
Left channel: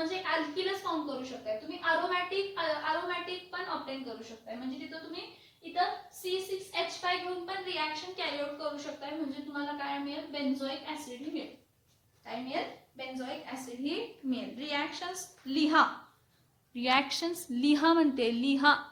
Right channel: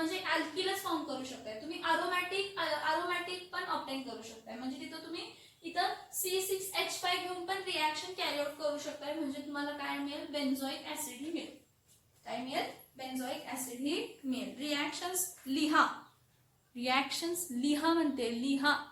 म्हणजे अल्किलच फॉर्म करू शकताय तुम्ही. अरोमॅटिक पण ऑप्टेन करू शकताय. म्हणजे तिथं तुम्ही इथं C6H5 घेऊन पण रिॲक्शन कॅरी आउट करू शकताय. म्हणजे तुम्हाला काय मिळेल, बेन्झोइक ऍसिड ही मिळेल. काय मिळेल, बेन्झोइक ऍसिड ही मिळेल. रिॲक्शन्स लिहा म्हणते, लिहा.